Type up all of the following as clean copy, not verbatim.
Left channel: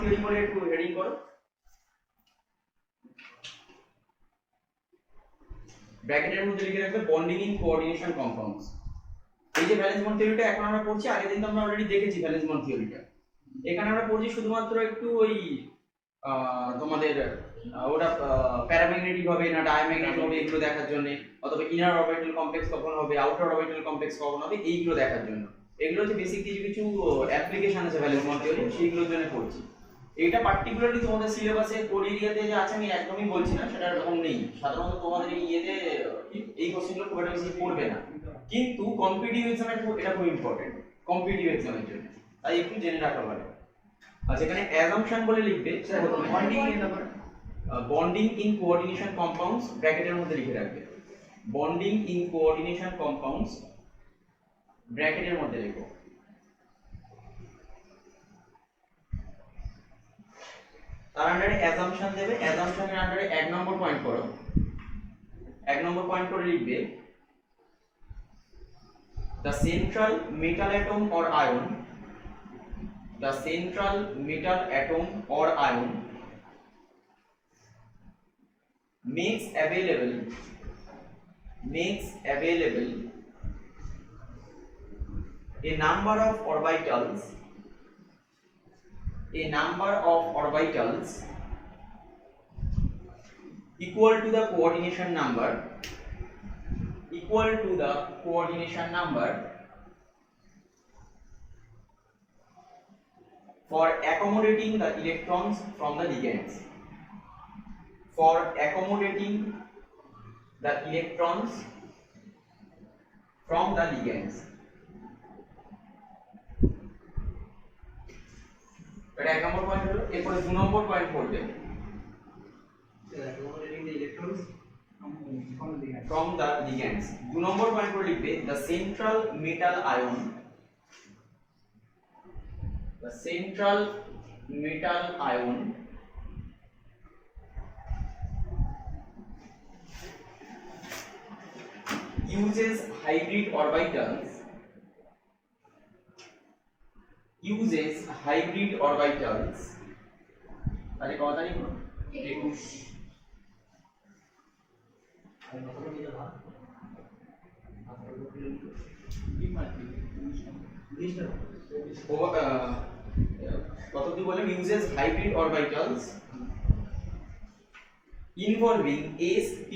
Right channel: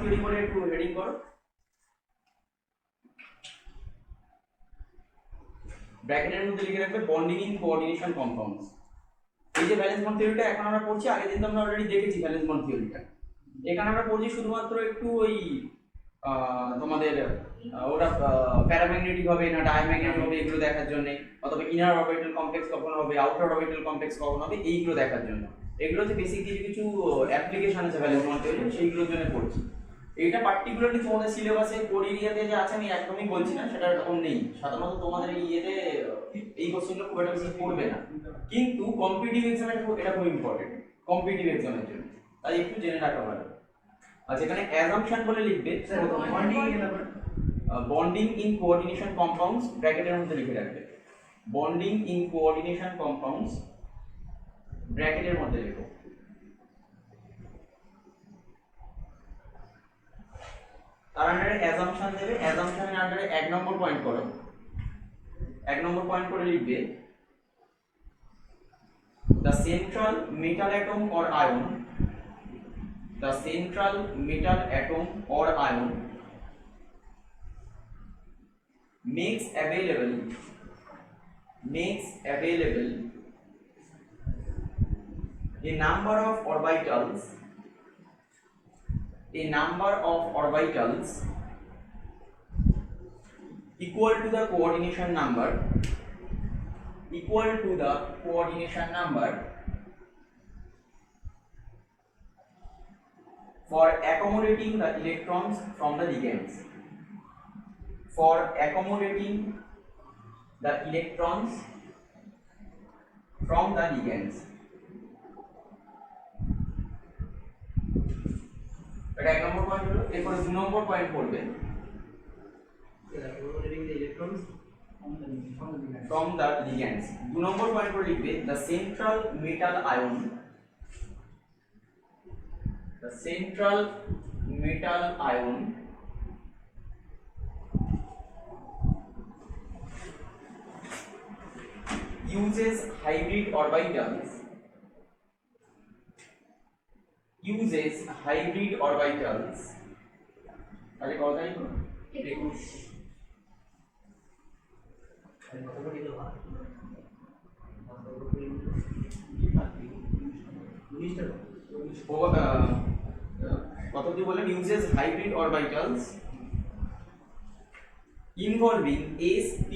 Theory বলে একটু heading করো। ব্র্যাকেটের মধ্যে লিখে রাখবে বন্ডিং ইন কোঅর্ডিনেশন কম্পাউন্ডস। এই যে ভ্যালেন্স বন্ড থিওরিটা এখন আমরা পড়ছি, আগের দিন তো আমরা অলরেডি দেখেছি ভ্যালেন্স বন্ড থিওরিটা। এখানে আমরা পড়ছি শুধুমাত্র একটু ওই তোমাদের ওটা প্যারাম্যাগনেটিক হবে না ডায়াম্যাগনেটিক হবে এগুলো দেখার জন্য, অথবা ইনার অরবিটাল কমপ্লেক্স কখন হবে, আউটার অরবিটাল কমপ্লেক্স কখন হবে, এইগুলো দেখার জন্য। এগুলো হচ্ছে বেসিক কিছু কিছু অ্যাপ্লিকেশন আছে ভ্যালেন্স বন্ড থিওরি, সেইগুলোর জন্য পড়ছি। এটা পার্টিকুলারলি তোমাদের সিলেবাসে কোর এরিয়াতে যে আছে আমি একদমই বলছি না, সেটা এরকম নেই। সাধারণত তোমাদের এই ইয়েতে এই কোশ্চেনগুলো খুব একটা বেশি পড়বে না, কিন্তু কম্পিটিটিভ এক্সামের এটা খুব ইম্পর্টেন্ট, কম্পিটিটিভ এক্সামের জন্য, তাই একটু জেনে রাখা ভালো। আচ্ছা, এখানে অ্যাজাম্পশন বলে লিখবে বন্ডিং ইন কোঅর্ডিনেশন কম্পাউন্ডস, ব্র্যাকেটের মধ্যে লিখে রাখবে বন্ডিং ইন কোঅর্ডিনেশন কম্পাউন্ডস, ব্র্যাকেটের মধ্যে লিখো। তার আন্ডারে অ্যাজাম্পশন দেবে, অ্যাজাম্পশনের আন্ডারে 1 নম্বর পয়েন্ট করো, 1 নম্বর পয়েন্ট করে লিখবে the central metal atom or ion, the central metal atom or ion makes available a number of orbitals equal to the coordination number for accommodating the electrons from the ligands, এটা 1 নম্বর point হলো। এরপরে 2 নম্বর point পড়বে from the ligands। 2 number point করে লিখবে the central metal ion uses hybrid orbitals আরে কত তারিখ হলো 21 কত কি বলেন, uses hybrid orbitals involving s, p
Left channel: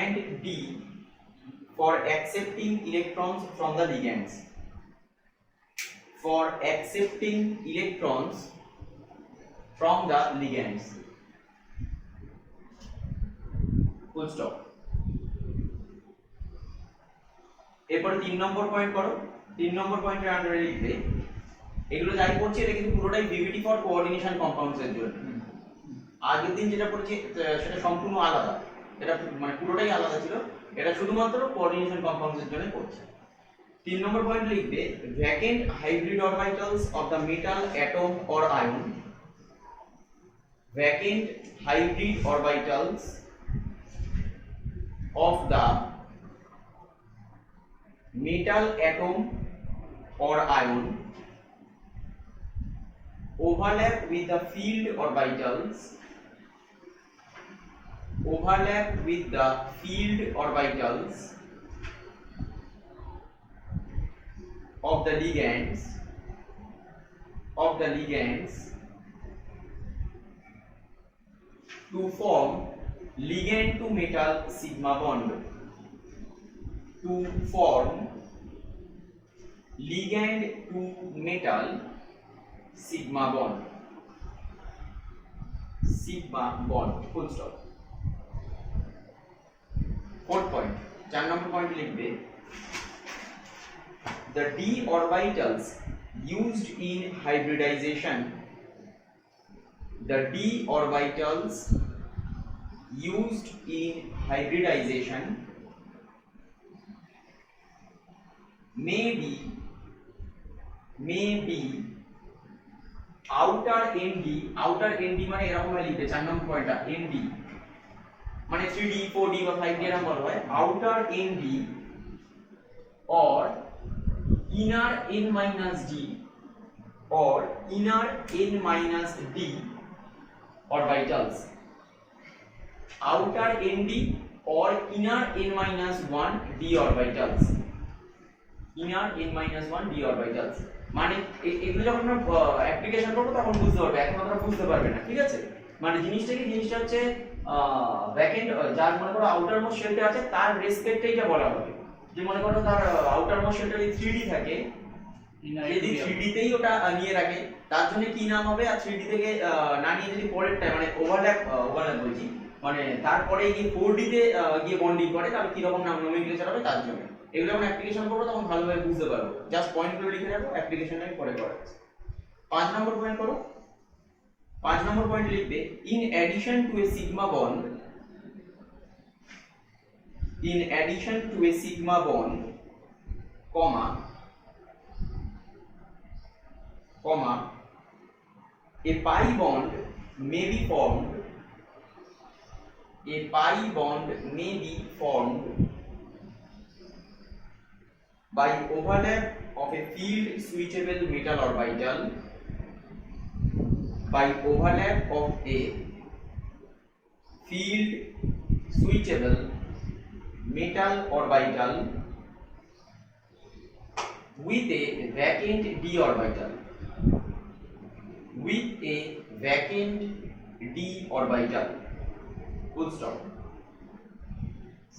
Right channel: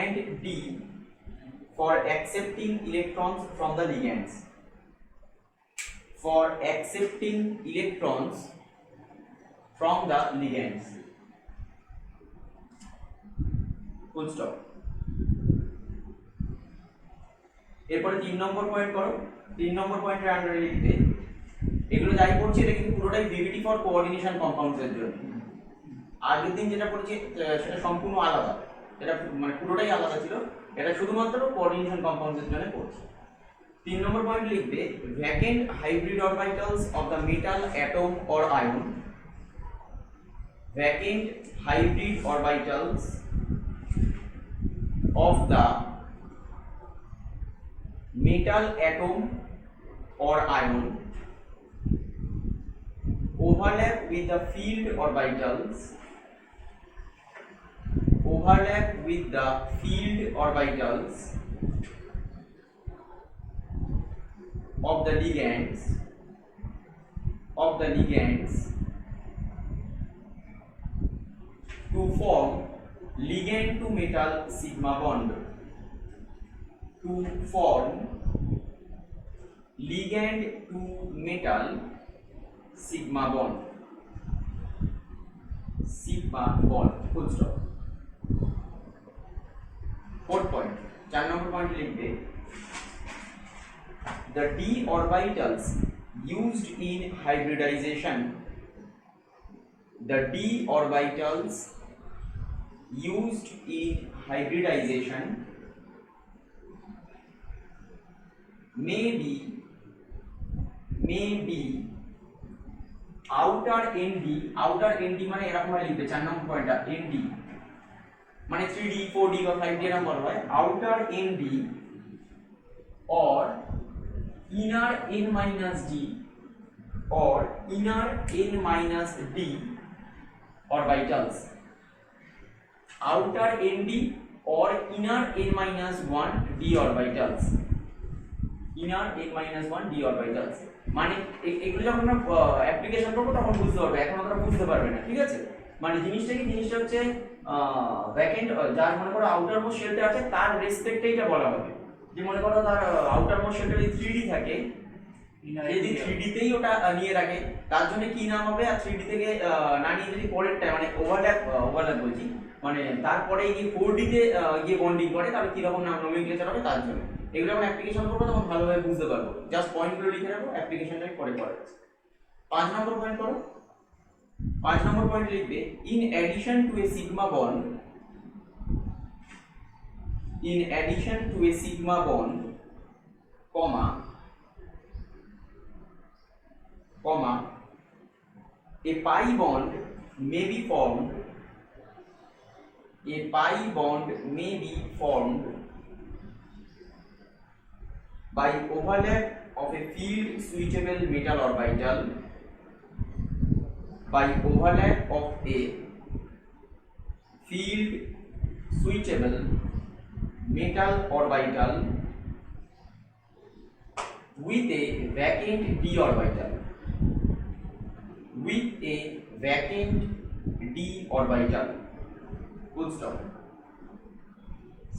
and d for accepting electrons from the ligands, full stop। এরপরে 3 নম্বর পয়েন্ট করো, 3 নম্বর পয়েন্টের আন্ডারে লিখবে, এগুলো যাই পড়ছি এটা কিন্তু পুরোটাই ভিভিটি ফর কোঅর্ডিনেশন কম্পাউন্ডস এর জন্য। আগের দিন যেটা পড়েছি সেটা সম্পূর্ণ আলাদা, এটা মানে পুরোটাই আলাদা ছিল, এটা শুধুমাত্র কোঅর্ডিনেশন কম্পাউন্ডস এর জন্য পড়ছি। 3 নম্বর পয়েন্ট লিখবে vacant hybrid orbitals of the metal atom or ion, vacant hybrid orbitals of the metal atom or ion overlap with the field orbitals of the ligands to form ligand to metal sigma bond, full stop। Point লিখবে the d orbitals used in hybridization, the d orbitals used in hybridization may be outer nd মানে এরকম ভাবে লিখবে 4 নম্বর পয়েন্টটা nd মানে 3d 4d বা 5d এরকম বলা হয় outer nd or inner n minus d or inner n minus d orbitals, outer nd or inner n minus 1 d orbitals, inner n minus 1 d orbitals মানে এগুলো যখন আমরা অ্যাপ্লিকেশন করব তখন বুঝতে পারবে, এখন আমরা বুঝতে পারবে না, ঠিক আছে। মানে জিনিসটা হচ্ছে ব্যাকএন্ড যার মনে করো আউটার মোস্ট শেলটা আছে তার রেসপেক্টে এটা বলা হবে, যে মনে করো তার আউটার মোস্ট শেলটা যদি 3D থাকে, যদি 3D তেই ওটা নিয়ে রাখে তার জন্য কি নাম হবে, আর 3D থেকে না নিয়ে যদি পরেরটা মানে ওভারল্যাপ বলছি মানে তারপরে গিয়ে 4D তে গিয়ে বন্ডিং করে তাহলে কি রকম নাম নমিনক্লেচার হবে তার জন্য। এগুলো যখন অ্যাপ্লিকেশন করবো তখন ভালোভাবে বুঝতে পারবো, জাস্ট পয়েন্টগুলো লিখে রাখো, অ্যাপ্লিকেশনটাই পরে করা আছে। 5 নম্বর পয়েন্ট করো, 5 নম্বর পয়েন্ট লিখবে in addition to A sigma bond, in addition to a sigma bond comma a pi bond may be formed, a pi bond may be formed by overlap of a field switchable metal orbital, by overlap of a field switchable metal orbital with a vacant d orbital, with a vacant d orbital, full stop.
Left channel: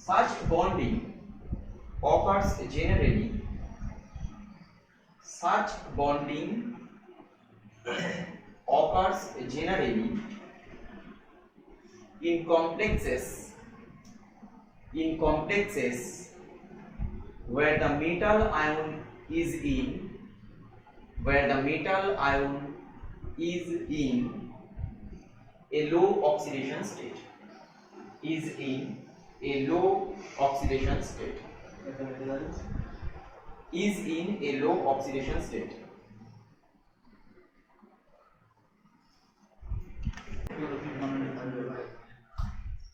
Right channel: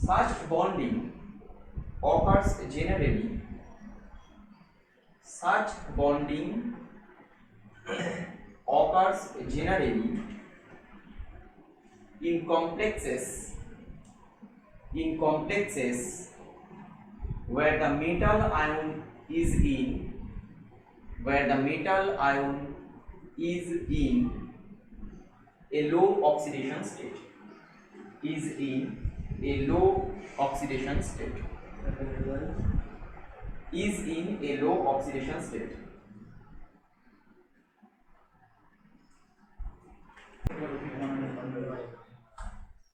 Such bonding occurs generally, such bonding occurs generally in complexes where the metal ion is in a low oxidation state, is in a low oxidation state, is in a low oxidation state.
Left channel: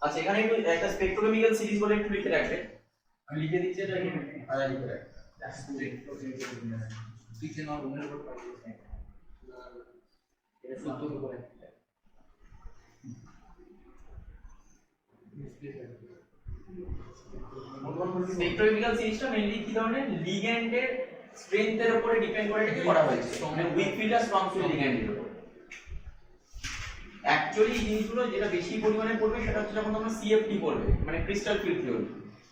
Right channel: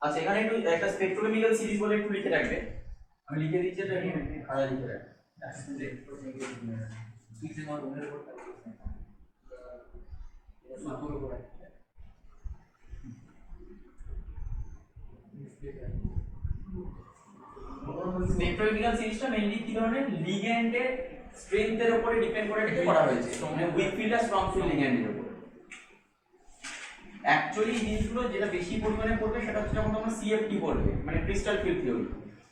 আচ্ছা এখানে একটু একটা স্পেকট্রোকেমিক্যাল series বলে একটু লিখে রাখবে, আমি লিখে দিচ্ছি এটা আগে লিখে রাখবে। স্পেকট্রোকেমিক্যাল সিরিজটা মেইনলি কি ধরনের লিগ্যান্ডের স্ট্রেংথের উপরে ডিপেন্ড করে এটাকে করা হয়েছে, মানে উইক ফিল্ড আর স্ট্রং ফিল্ড লিগ্যান্ডের উপর। অ্যাকচুয়ালি জিনিসগুলো যেটা বেশি পরিমাণে পড়বে সেটা হচ্ছে যখন তোমরা সিএফটি পড়বে, মানে ক্রিস্টাল ফিল্ড থিওরি।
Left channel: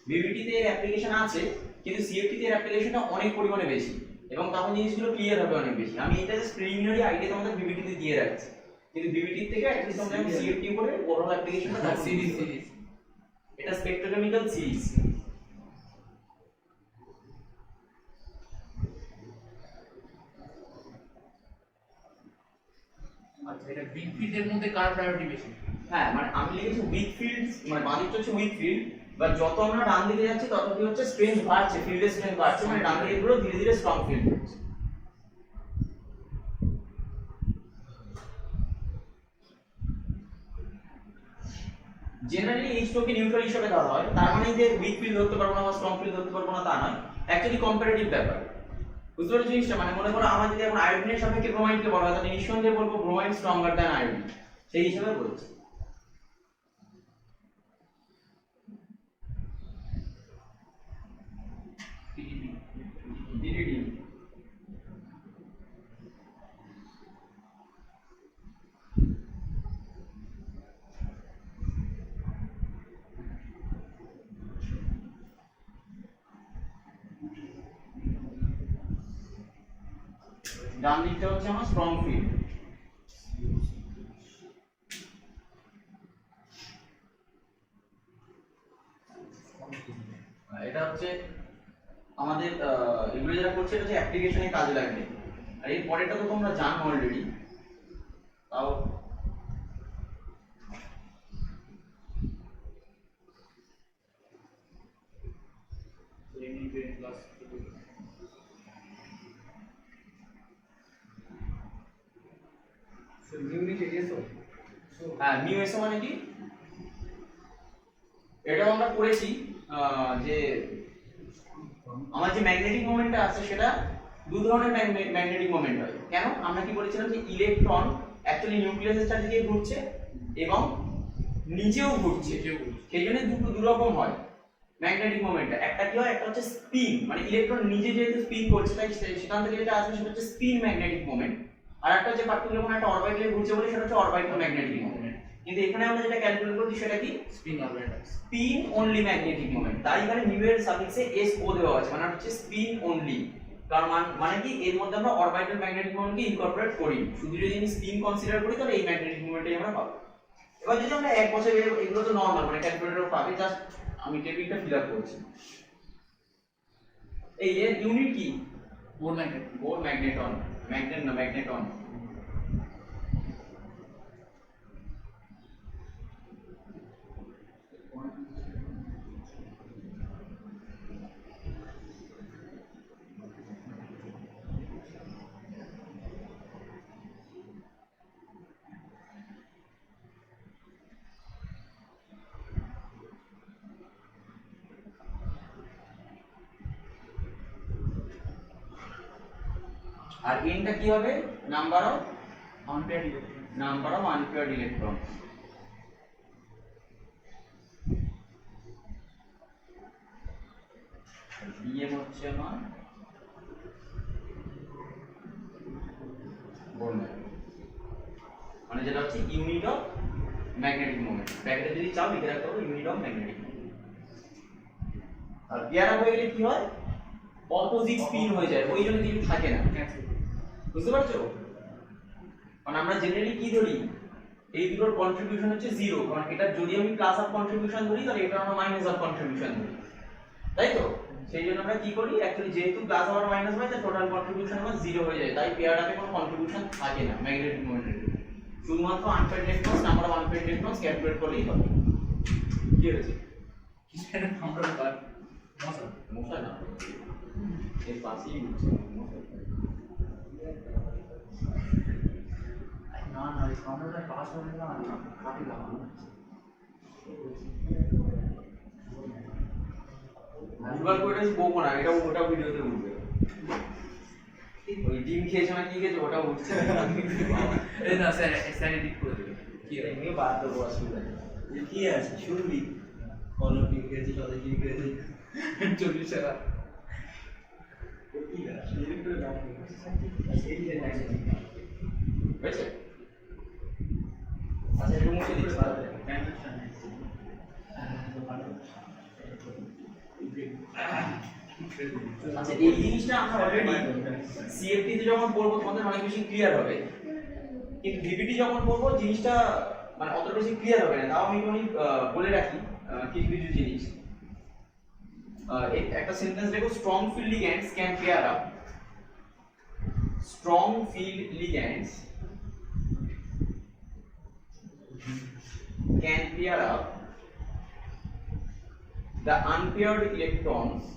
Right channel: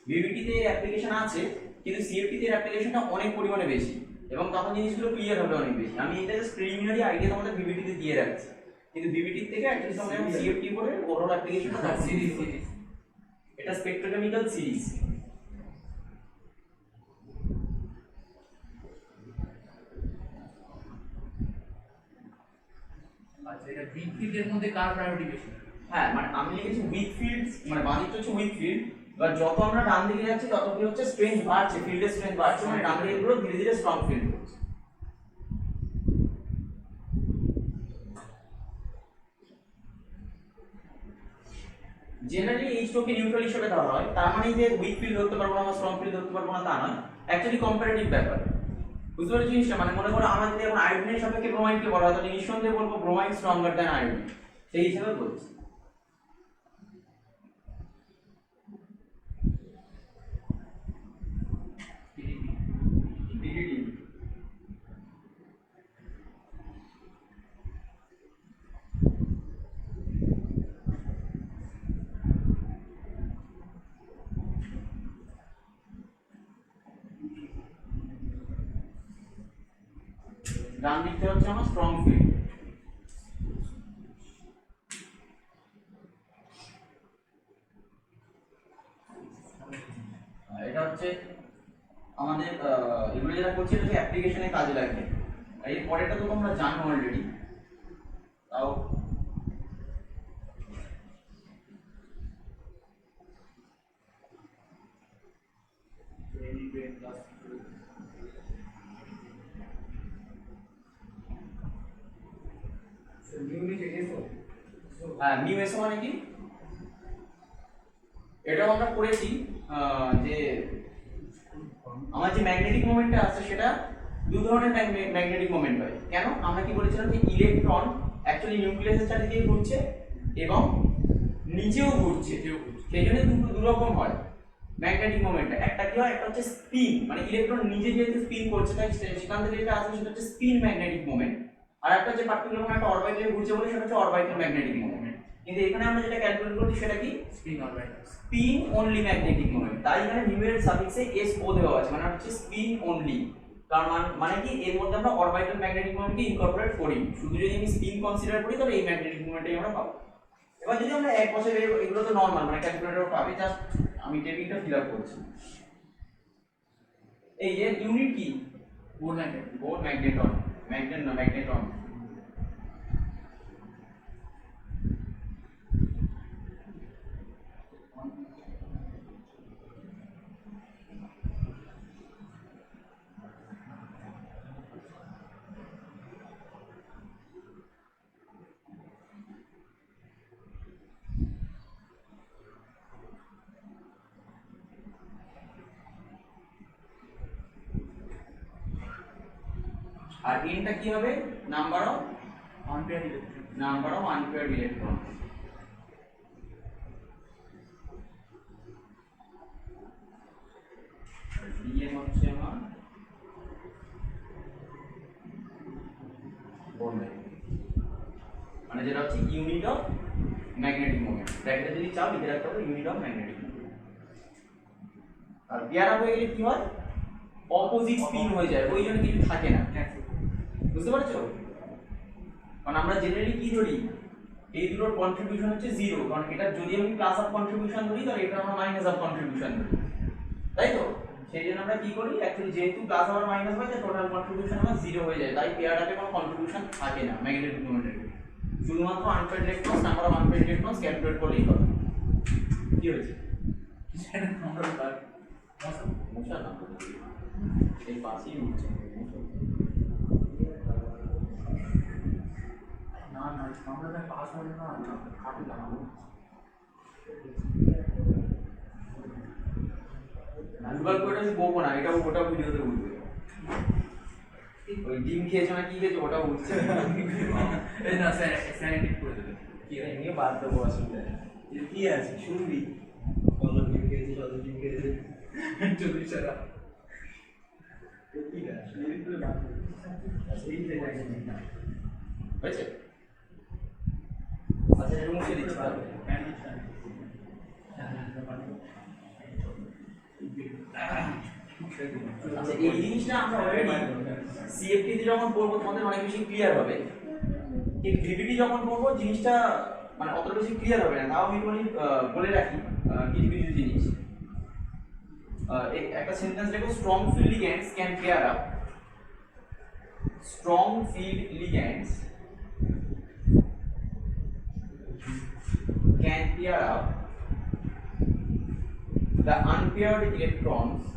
ভিভিটি তে অ্যাপ্লিকেশন আছে কিন্তু সিএফটি তে অ্যাপ্লিকেশনটা অনেক পরিমাণে বেশি এবং তখন জিনিসগুলো ক্লিয়ার হবে অনেক বেশি। আমি এটা জাস্ট প্রিলিমিনারি আইডিয়া তোমাদের ভিভিটি তে দিয়ে রাখছি, কিন্তু ভিভিটি থেকে অ্যাটলিস্ট তোমরা সিএফটি পড়ে ওভারঅল অ্যাপ্লিকেশনটা সিরিজ, এটা স্পেকট্রোকেমিক্যাল সিরিজ। আচ্ছা এটা উইক ফিল্ডের মধ্যে কার প্রায়োরিটি বেশি? হ্যাঁ মানে আমি লিখেছি উইক ফিল্ড, মানে বাঁ দিকটা হচ্ছে উইক ফিল্ড, বা যত আমরা ডান দিকে যাচ্ছি তত কি হচ্ছে স্ট্রেংথ বাড়ছে, ফিল্ডের স্ট্রেংথ বাড়ছে, মানে ডান দিকে গুলো ধীরে ধীরে স্ট্রং ফিল্ড হচ্ছে। জেনারেলি H2 কে নিউট্রাল হিসেবে ধরা হয়, তার মানে যে উইক ফিল্ড ধরতে পারবো না বা স্ট্রং ফিল্ড ধরতে পারবো না তা নয়, অ্যাকচুয়ালি কম্পারেটিভ ব্যাপার। বুঝতে পারছো জিনিসটা? মানে মনে করো আমার যদি এখন আয়োডিনের সাপেক্ষে ব্রোমাইনকে বলা হয় তাহলে নিঃসন্দেহে বলবো ব্রোমাইন স্ট্রঙ্গার দ্যান আয়োডিন, সেই হিসাবে বলছি। ডিডিটি ডান দিকটা হচ্ছে আমার স্ট্রং ফিল্ড। এটা হচ্ছে আমাদের এগুলো যেটা করছে এটা হচ্ছে অ্যাপ্লিকেশনে কাজে লাগবে। আর এর পরেরটা তো তোমরা জানো অলরেডি, তাও হ্যাঁ মিউ এসো মানে কি, এটাও আমরা করেছি যে আমার যে ম্যাগনেটিক মোমেন্টটা আছে সেটা দু ধরনের ম্যাগনেটিক মোমেন্ট হয়। কেন? আমরা কি বলেছিলাম যে ইলেকট্রন অ্যাকচুয়ালি নিউক্লিয়াসের চারিদিকে ঘুরছে এবং নিচেও ঘুরছে, সেই জন্য দু রকম হয় ম্যাগনেটিক মোমেন্টটা। একটা কি হয়, একটা হচ্ছে স্পিন, মানে ইলেকট্রন নিজে যেহেতু স্পিন করছে তাই সেখান থেকে যেটা আসবে সেটা হচ্ছে স্পিন ম্যাগনেটিক মোমেন্ট। আর একটা হচ্ছে পার্টিকুলার কোনো একটা অরবিটালে ঘুরছে বলে সেটা হচ্ছে অরবিটাল ম্যাগনেটিক মোমেন্ট। কিন্তু এখানে আমরা যেটা ক্যালকুলেট করছি সেটা কি, spin orbital, spin only magnetic moment. তাই এখানে মিউ এর সাফিক্সে এস ও দেওয়া আছে, মানে হচ্ছে স্পিন অনলি। কারণ মানে কি, এর মধ্যে আমরা অরবিটাল ম্যাগনেটিক মোমেন্টকে ইনকর্পোরেট করি। শুধু যদি আমি স্পিন কনসিডার করি তাহলে এই ম্যাগনেটিক মোমেন্টটাই আমরা পাবো। এবার যদি আমরা এক বছর বের, এগুলো তো নরমাল, মানে ক্যালকুলেটর পাবে, জাস্ট আমি টেবিলটা ফিল আপ করছি। এই এর ইউনিট কি, Bohr magnet, Bohr magneton, magnet না ম্যাগনেটন। আর এনটা কি হবে, number of unpaired electron, unpaired electron. DM হচ্ছে আমার বোর ম্যাগনেট, মানে যেটা হচ্ছে ইউনিট অফ ম্যাগনেটিক মোমেন্ট। ব্র্যাকেটে যদি চাও লিখে রাখতে হবে ইউনিট অফ ম্যাগনেটিক মোমেন্ট। আর পেয়ারা হয়ে গেলে কি হয়, অপোজিট স্পিন হয়ে যায়, ওই জন্য কিছু থাকে না। বুঝতে পারছো? কারণ আমরা জেনারেলি কি ধরি, এই দুটোর কন্ট্রিবিউশন হচ্ছে জিরো, কারণ এটা যদি আমি প্লাস অফ কন্ট্রিবিউশন ধরি তাহলে এটা আমরা মাইনাস অফ কন্ট্রিবিউশন ধরি, তাই তো? সেই জন্য আমরা কি করি, অ্যাকচুয়ালি যেহেতু প্লাস আবার মাইনাস হয় তাই টোটাল কন্ট্রিবিউশন আমার জিরো হয়ে যায়। তাই পেয়ারটাতে কোনো কন্ট্রিবিউশন থাকে না ম্যাগনেটিক মোমেন্টের, শুধুমাত্র unpaired electrons, number of unpaired electrons calculate করলেই হবে। কি হয়েছে? কিসের নাম্বার কার মশা, মশা না, এই পাশেই উঠছে মশা। না না আমরা পাস হলে না না কাটি লাগানো গুগল করে আমি বলবো না, এটাও ওটাও ভিডিওতে উঠবে। ওই ডিম খেয়েছে না কি খেয়েছে ওটাও উঠছে। এই না স্যার স্যানিটিক করে দেবে কি এমনি বাদ দেবো, অসুবিধা নেই। কি আছে শুনবি, কলম ডিম খেয়েছে, সদা ডিম খেয়েছে, 40 টাকা কি আছে একটু লাভ এই যে হয়েছে? আচ্ছা এটা মুছে দিচ্ছি তাহলে। আচ্ছা এই জিনিসটা আমরা অলরেডি সিএফটি তে যখন পড়বো তোমাদের অনেক বেশি ক্লিয়ার হবে, কিন্তু ভিপিটি যখন পড়বো জিনিসটা মানে অত বেশি ক্লিয়ার হবে না। তাও আমি একটুখানি বলে রাখি কিছু কিছু জিনিস। একটা সেন্টেন্স দেখো, strong field ligands can pair up, strong field ligands can pair up the unpaired electrons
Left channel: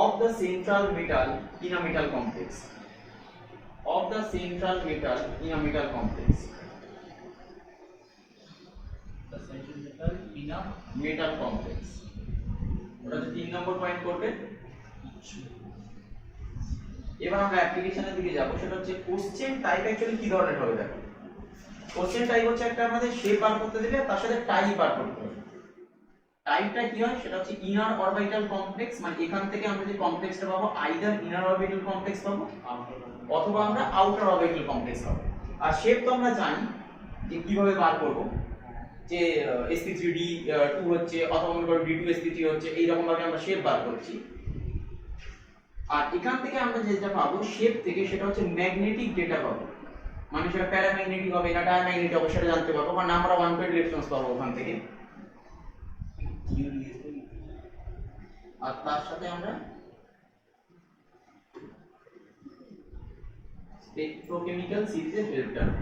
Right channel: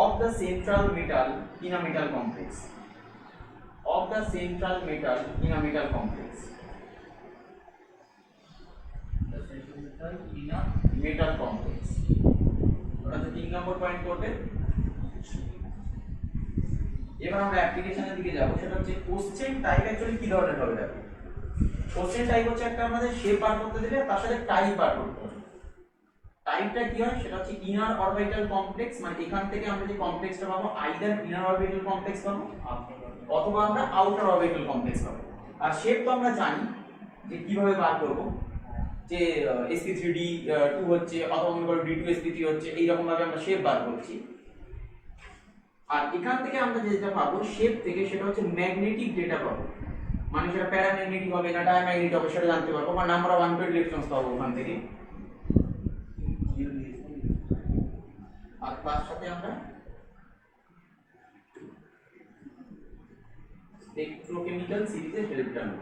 of the central metal in a metal complex, of the central metal in a metal complex, the central metal in a metal complex। ওটা যে 3 নম্বর point করবে। এবার আমরা অ্যাপ্লিকেশনের দিকে যাব, সেটা হচ্ছে কোশ্চেন টাইপ অ্যাকচুয়ালি কি ধরনের হবে। দেখো কোশ্চেন টাইপ হচ্ছে একটা আমাদের শেপ বার করতে দিলে তার সাথে টাইপ বার করতে হবে। টাইপটা কি হয়, সেটা হচ্ছে ইনার অরবিটাল কমপ্লেক্স, মানে এখান থেকে আমরা যে কমপ্লেক্সটা পাবো আইদার ইনার অরবিটাল কমপ্লেক্স পাবো অথবা আমরা আউটার অরবিটাল কমপ্লেক্স পাবো। আর শেপ তো আমরা জানি যে কিভাবে বার করব, যে sp3d2 হচ্ছে অথবা মনে করো d2sp3 হচ্ছে, এই রকম ভাবে আমরা শেপ বার করছি। আর এখান থেকে আমরা যেটা পাবো শেপ থেকে, সেটা হচ্ছে ম্যাগনেটিক ডেটা পাবো, মানে সেটা প্যারাম্যাগনেটিক হবে না ডায়াম্যাগনেটিক হবে সেটা জানতে পারবো, বা নাম্বার অফ আনপ্রেড ইলেকট্রনস পাবো ওখান থেকে। আর তার সাথে আমরা স্পেকট্রোকেমিক্যাল সিরিজের হেল্পটা নেব,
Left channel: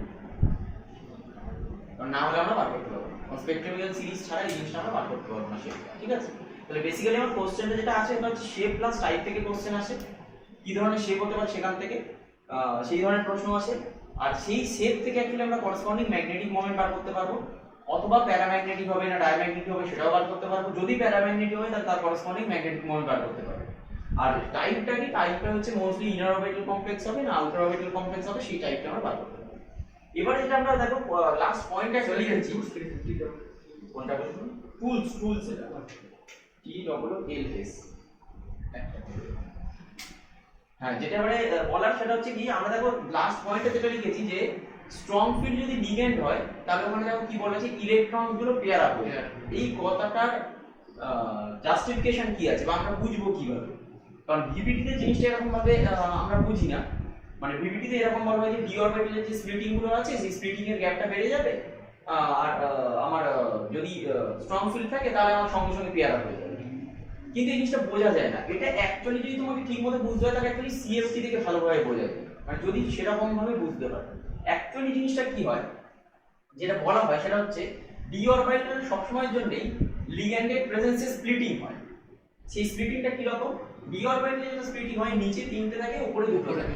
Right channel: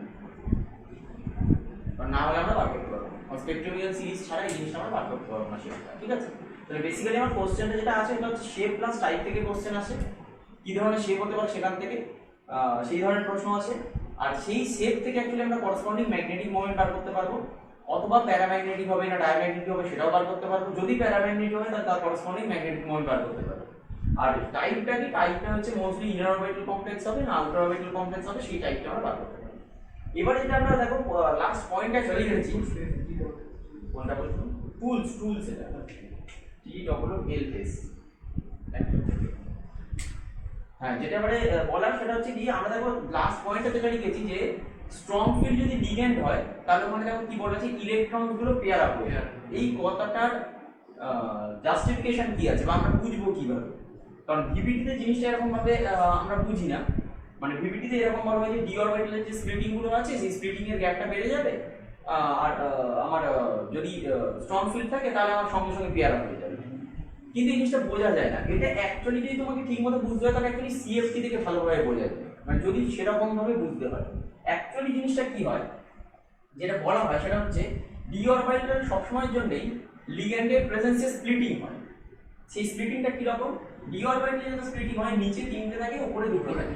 কারণ না হলে আমরা বার করতে পারবো না। স্পেকট্রোকেমিক্যাল সিরিজ ছাড়া এই জিনিসটা আমরা বার করতে পারবো না শেপটা, ঠিক আছে? তাহলে বেসিক্যালি আমার কোশ্চেনটা যেটা আছে সেটা হচ্ছে শেপ প্লাস টাইপ থেকে কোশ্চেন আসে, কি ধরনের শেপ হতে পারে সেখান থেকে সেই ধরনের প্রশ্ন আসে। আর সেই শেপ থেকে অ্যাকচুয়ালি আমরা করসপন্ডিং ম্যাগনেটিক মোমেন্ট বার করতে পারবো, অথবা প্যারাম্যাগনেটিক হবে না ডায়াম্যাগনেটিক হবে সেটাও বার করতে পারবো। যদি প্যারাম্যাগনেটিক হয় তাহলে তার করসপন্ডিং ম্যাগনেটিক মোমেন্ট বার করতে পারবো। আর টাইপটা কি, টাইপটা হচ্ছে মোস্টলি ইনার অরবিটাল কমপ্লেক্স হবে না আউটার অরবিটাল কমপ্লেক্স হবে, সেই টাইপটা আমরা বার করতে পারবো। এবার যেটা আমরা দেখো লাস্ট পয়েন্টটা চলে গেছি, কোনটা বলবো? টুলস এটা TWLS। হ্যাঁ, যেটা এবারে বলার সেটা হচ্ছে কি, আমরা দেখো লাস্ট পয়েন্টে যেটা লিখেছি যে স্ট্রং ফিল্ড যদি লিগ্যান্ড হয় তাহলে ওখানে দেখো কি বলা আছে, ইলেকট্রন গুলো পেয়ার আপ হয়ে যাবে। এই কথাটার জাস্টিফিকেশন কি আছে বা আমরা বুঝবো কিভাবে? কারণ ভিপিটিতে জিনিসটা এরকম ভাবে আমরা বুঝি না, মানে ভিপিটিতে এরকম বলা হয় যে ডি অরবিটালের যে স্প্লিটিং গুলো আছে সেই স্প্লিটিং এর গ্যাপটা বেড়ে যাবে, আর আমার যদি স্ট্রং ফিল্ড থাকে তাহলে আমার সঙ্গে সঙ্গে পেয়ার আপ হয়ে যাবে। কিন্তু এই জিনিসটা বোঝা যায় না, এটা অ্যাকচুয়ালি যদি তোমাকে ঠিকমতো বুঝতে হয় তাহলে অ্যাকচুয়ালি সিএফটি থেকে ভালোভাবে বোঝা যায়, মানে যদি সেরকম ভাবে বুঝতে পারে। অ্যাকচুয়ালি জিনিসটা কি হয়, যেটা বলা হয় সেটা হচ্ছে ডি অরবিটাল সবসময়ের জন্যই লিগ্যান্ডের প্রেজেন্সে স্প্লিটিং হয়। সেই স্প্লিটিংটা কি রকম? ডি অরবিটালে যখন স্প্লিটিং হয় নিচে তিনটে থাকে উপরে দুটো থাকে।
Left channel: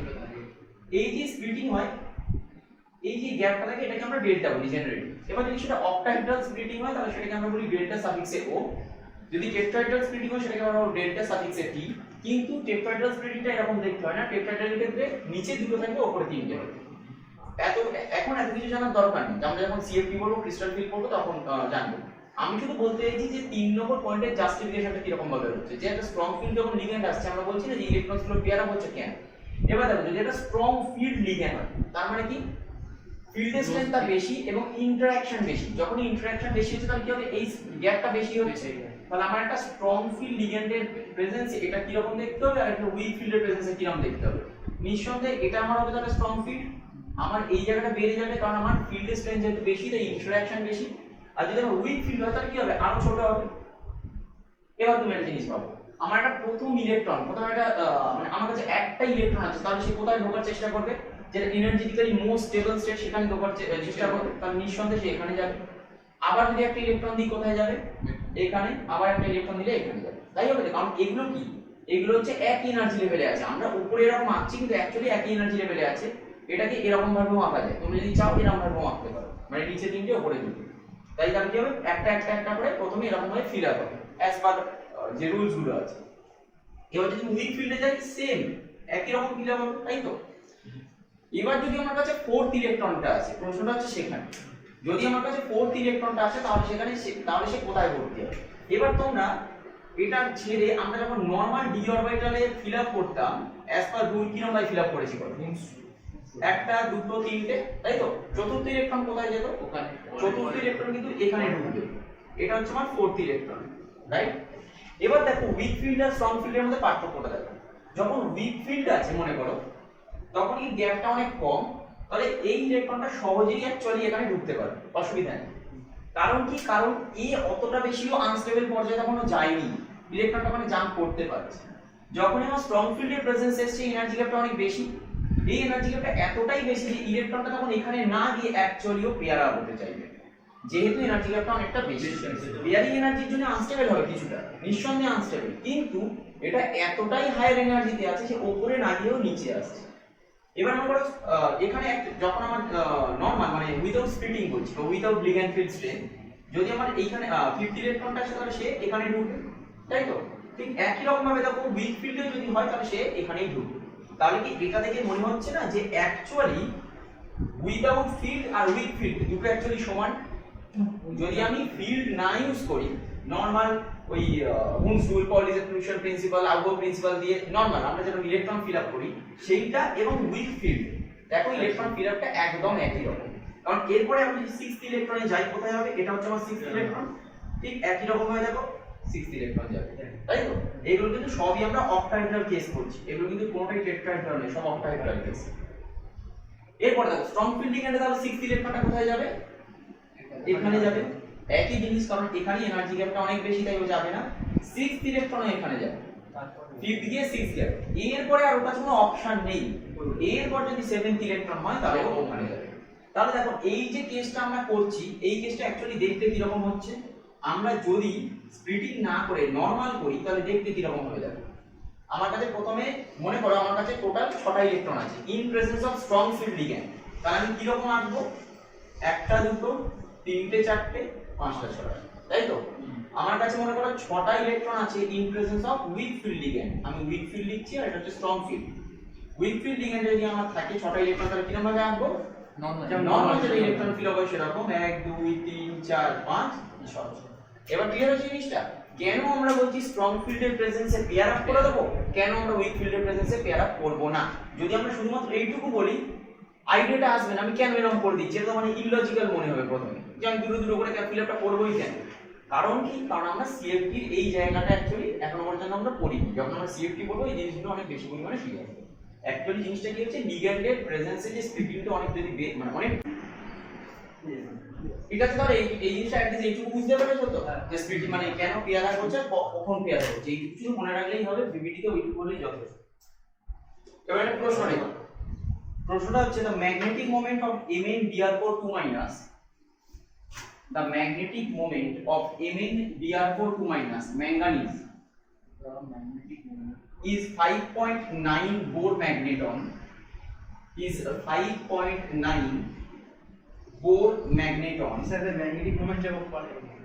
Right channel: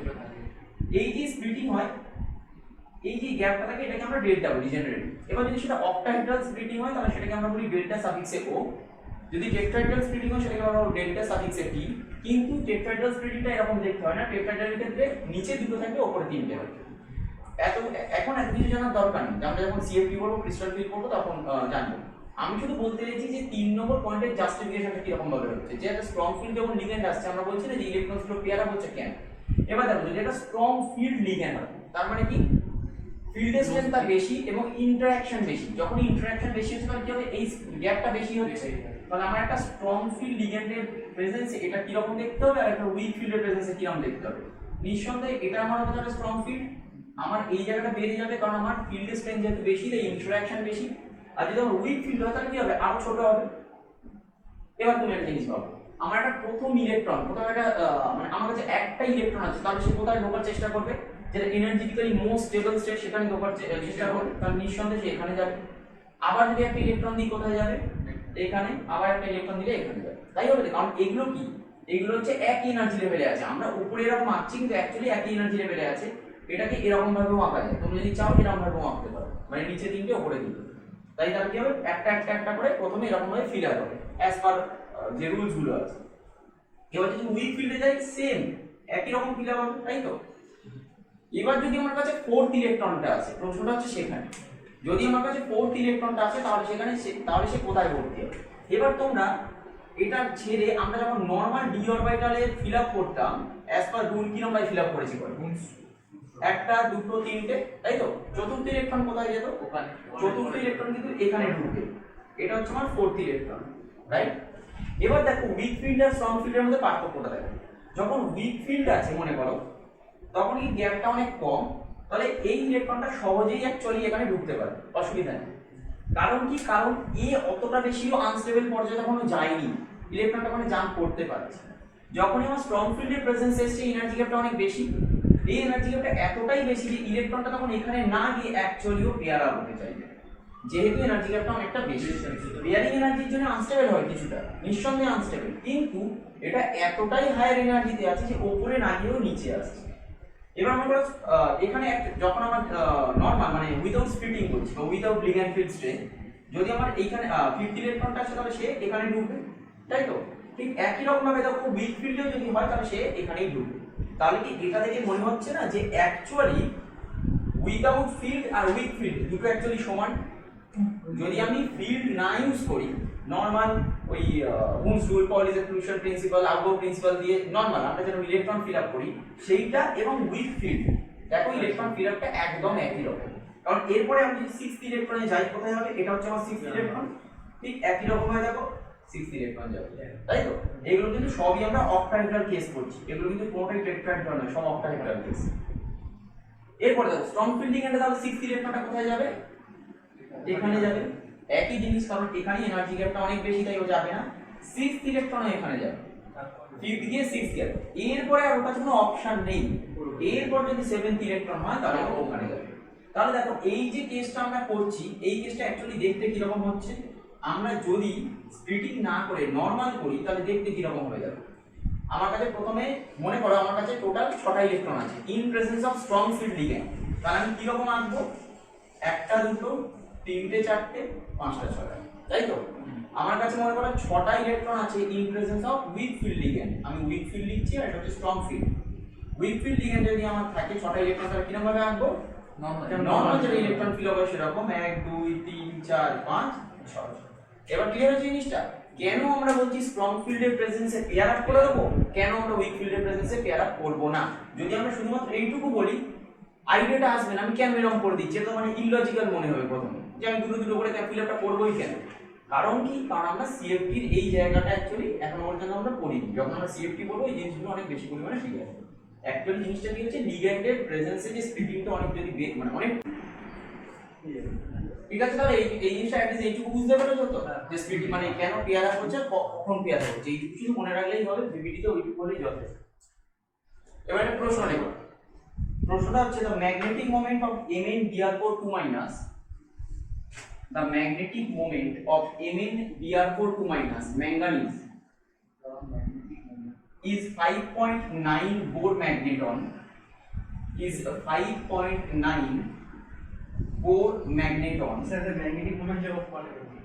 এই যে স্প্লিটিং হয়, এই যে গ্যাপটা থাকে এটাকে আমরা ডেল্টা বলি জেনারেলি। এবার যদি সেটা অক্টাহেড্রাল স্প্লিটিং হয় তাহলে সেটাকে আমরা বলি ডেল্টা সাফিক্সে ও, যদি টেট্রাহেড্রাল স্প্লিটিং হয় সেটাকে আমরা বলবো ডেল্টা সাফিক্সে টি। কিন্তু টেট্রাহেড্রাল স্প্লিটিংটা এরকম দেখতে হয় না, টেট্রাহেড্রালের ক্ষেত্রে নিচে দুটো থাকবে উপরে তিনটে হয়। এখন এত কিছু জানার দরকার নেই, আমরা যখন সিএফটি বলবো ক্রিস্টাল ফিল করবো তখন জানবো। আমি শুধু বলতে চাইছি যে 3 নম্বর পয়েন্টের জাস্টিফিকেশনটা কিরকম ভাবে হচ্ছে, যে একটা স্ট্রং ফিল্ড যখন লিগ্যান্ড আসছে আমরা বলছি না যে ইলেকট্রনস গুলো পেয়ার আপ হচ্ছে কেন। এবার দেখো যদি একটা স্ট্রং ফিল্ড লিগ্যান্ড হয় তার মানে কি, ফিল্ডের স্ট্রেংথটা বেশি এবং ইন্টারঅ্যাকশন বেশি। যখন ইন্টারঅ্যাকশন বেশি হচ্ছে তাহলে কি হবে, এই গ্যাপটা বেশি হচ্ছে। তাহলে আমার একটা স্ট্রং ফিল্ড লিগ্যান্ডের প্রেজেন্সে এটা কি রকম দেখতে হবে, আর একটা উইক ফিল্ডের প্রেজেন্সে কি রকম দেখতে হবে। নিঃসন্দেহে এটা আমার হবে একটা স্ট্রং ফিল্ড, আমার এই জায়গাটা বেড়ে যাবে কারণ আমার ফিল্ডের স্ট্রেংথ যেহেতু বেশি তাই ইন্টারঅ্যাকশন বেশি। আর যদি আমার উইক ফিল্ড হয় তাহলে কি হবে, আরো ছোট হবে। এবার তুমি একটা জিনিস পাবো, আমার একটা প্রথম ইলেকট্রন, প্রথম একটা মানে আমার কাছে একটা ইলেকট্রন আছে, তাহলে সে কোথায় ঢোকার চেষ্টা করবে, যেটা এনার্জেটিক্যালি মোস্ট স্টেবল স্টেট সেখানে ঢোকার চেষ্টা করবে, তাহলে নিঃসন্দেহে সে এখানে যাবে। আবার যদি একটা ইলেকট্রন দিই কোথায় যাবে, এখানে। আবার একটা ইলেকট্রন দিলে এখানে যাবে। তাই হবে, কারণ এগুলো কি, এগুলো হচ্ছে একই এনার্জি লেভেলে আছে। আমরা উপরে এরকম আঁকছি কিন্তু অ্যাকচুয়ালি একই এনার্জি লেভেলে আছে। এটাকে এরকম ভাবেও আঁকা যায়, তুমি যদি চাও এরকম ভাবেও আঁকতে পারো, মানে নিচে তিনটে উপরে দুটো। তাই তাহলে কি হবে, একটা একটা একটা করে প্রথমে এরকম ভাবে ফিল আপ হবে অ্যাজ পার যে রুলস গুলো আছে। এবার যদি উইক ফিল্ডে যাই সেম একই রকম ফিল আপ হবে, তাই তো? এবার যদি আমার কাছে ফোর্থ ইলেকট্রনটা আছে, প্রশ্নটা হচ্ছে সেখানে যদি আমার কাছে ফোর্থ ইলেকট্রনটা আছে তাহলে সেখানে তাহলে সে কোথায় ভর্তি হবে। এবার তোমরা এটা ছেড়ে আমরা যখন নরমাল ডি অরবিটালে ফিল আপ করতাম অ্যাজ পার রুল কি আমরা ফিল আপ করেছি বলো, একটা দুটো তিনটে, তাই তো? চতুর্থ ইলেকট্রন কোথায় যেত, ওখানে। চতুর্থ ইলেকট্রন কিন্তু এখানে ঢুকবে, এটা হচ্ছে আমার ফোর্থ ইলেকট্রন, রাইট? এবার দেখো উইক ফিল্ড আর স্ট্রং ফিল্ডের মধ্যে পার্থক্যটা দেখো। যখন উইক ফিল্ড আছে মনে করো তখন এই গ্যাপটা অনেক কম, তাহলে এই ইলেকট্রনটা সহজেই অ্যাকচুয়ালি এখানে ঢুকতে পারে, অসুবিধা নেই। কারণ কি, কারণ এই অতটা বেশিও আনস্টেবল পর্যায়ে তখনও যায়নি, ইলেকট্রনটা ওখানে জাম্প করতে পারছে। যখনই আমার স্ট্রং ফিল্ডের প্রেজেন্স এসছে এনার্জি গ্যাপটা অনেক বেশি, এই এনার্জি গ্যাপটা এতটাই বেশি যে ইলেকট্রনটা তখন এখানে না গিয়ে অ্যাকচুয়ালিও পেয়ার আপ হতে চাইবে, যেহেতু এনার্জি গ্যাপটা অনেকটা বেশি। পেয়ারিং এনার্জির জন্য আনস্টেবল হয় কিছুটা, নিঃসন্দেহে আনস্টেবল, কিন্তু এটা এতটাই হায়ার এনার্জিতে আছে যে উপরে না গিয়েও নিচে আসছে। এবার আমরা এখানে যখন আমার নরমাল মানে উইদাউট স্প্লিটিং করছি বা উইদাউট লিগ্যান্ড ফিল্ড স্ট্রেংথ, যদি আমার এইখানে ফিফথ ইলেকট্রনটা আসে তাহলে সে এখানে ঢুকবে, তাই তো? ঠিক একই রকম ভাবে দেখো উইক ফিল্ডেও যদি হয় তাহলে সে এখানেই ঢুকবে। তাহলে কি এটা থেকে মনে হচ্ছে না যে অ্যাকচুয়ালি উইদাউট ফিল্ড আর উইক ফিল্ড দুটো অ্যাকচুয়ালি সমান? যদি আমি ফিল্ড না ইউজ করি, নরমাল ওই হুমস রুল, পলিস এক্সক্লুশন প্রিন্সিপাল, আউটগো প্রিন্সিপাল দিয়ে নরমাল আমরা যেটা ইলেকট্রন ফিল আপ করি সেইটা এবং উইক ফিল্ড, দেখো ইলেকট্রন ফিল আপটা একদম একই রকম। কারণ এরপরে আমি যদি সিক্সথ ইলেকট্রনে যাই কোথায় হবে, এটা হচ্ছে আমার সিক্সথ ইলেকট্রন, ঠিক একই রকম হয়ে দেখো 6th ইলেকট্রন যাবে, তাই তো? এগুলো কিন্তু সবই আমরা অক্টাহেড্রাল কেস করছি, এগুলো কিন্তু কোনোটাই টেট্রাহেড্রাল নয়, সব অক্টাহেড্রাল কেস। এরপরে দেখো স্ট্রং ফিল্ড লিগ্যান্ডে তাহলে 6th ইলেকট্রনটা কোথায় যাবে? এখানে যাবে। একই জিনিস, কারণ এখানে এনার্জি গ্যাপটা অনেক বেশি, তাই ও যাবে না। 6th ইলেকট্রন এখানে যাবে, 5th গিয়ে 6th গেল। এরপরে আর ওর কাছে কোনো অপশন নেই। এরপর যদি 7th ইলেকট্রন হয় তাহলে ও ওখানে যাবে। তাহলে দেখো এই যে কেসটা আমরা করছি, এই কেসটা অ্যাকচুয়ালি দেখতে কি রকম হচ্ছে, আমরা যদি স্প্লিটিং না করে নরমাল করি তাহলে দেখতে কি রকম হয়ে যাবে। আমার কাছে প্রথমে মনে করো আমার কাছে টোটাল 6টা ইলেকট্রন আছে in presence of strong field ligand. তাহলে আমি কি রকম আঁকবো? 1টা 2টো 3টে 4টে 5টা 6টা, তাই তো? আমার কাছে মনে করো 6টা ইলেকট্রন আছে in presence of week field ligand. আমি উইক ফিল্ড লিখছি আর এটা হচ্ছে strong field. Week field ligand যদি আমার থাকে 6টা ইলেকট্রন, তাহলে কিরকম ভাবে আঁকবো? নরমাল যেটা ইলেকট্রন ফিল হবে সেরকম 1 2 3 4 5 6। এবার ক্লিয়ার হচ্ছে জিনিসটা? কেন আমরা বলছি স্ট্রং ফিল্ডের প্রেজেন্সে পেয়ার আপ করে দেবো, কেন আমরা উইক ফিল্ডের প্রেজেন্সে পেয়ার আপ করব না? যদি আমরা শুধুমাত্র এইটুকু বলি আইডিয়াটা আসবে না, আমি কেন এরকম করে দিচ্ছি, এটা তো মানে ইললজিক্যাল মনে হবে প্রথমে, যে আমি দুটো দুটো করে ফিল আপটা করবোই কেন। কারণ কি? কারণ আমরা সিএফটির এই জায়গাটা অ্যাকচুয়ালি এখন পর্যন্ত আমরা পড়িনি। যখন আমরা সিএফটি বলবো এই জিনিসগুলো অনেক বেশি পরিমাণে শিখে আসবে। অ্যাকচুয়ালি জিনিসটা কি হচ্ছে, লিগ্যান্ডের প্রেজেন্সে যে স্প্লিটিংটা অনেক যদি মানে অনেক, ঠিক আছে? তাহলে এই জিনিসটা অ্যাটলিস্ট এইটুকু বুঝতে পেরেছো তো, যে স্প্লিটিং মানে কেন পেয়ার আপ হচ্ছে, কখন পেয়ার আপ হচ্ছে, এইটুকু শুধু মনে রাখলেই হবে, ভিভিটিতে ওইটুকু বললেই যথেষ্ট। এবার একটা প্রশ্ন নেব। প্রশ্নটা হচ্ছে the magnetic moment of MnBr4 2- the magnetic moment of MnBr4 2- manganese is 5.9 Bohr magneton, is 5.9 Bohr magneton. Sir, the magnetic moment जब अपन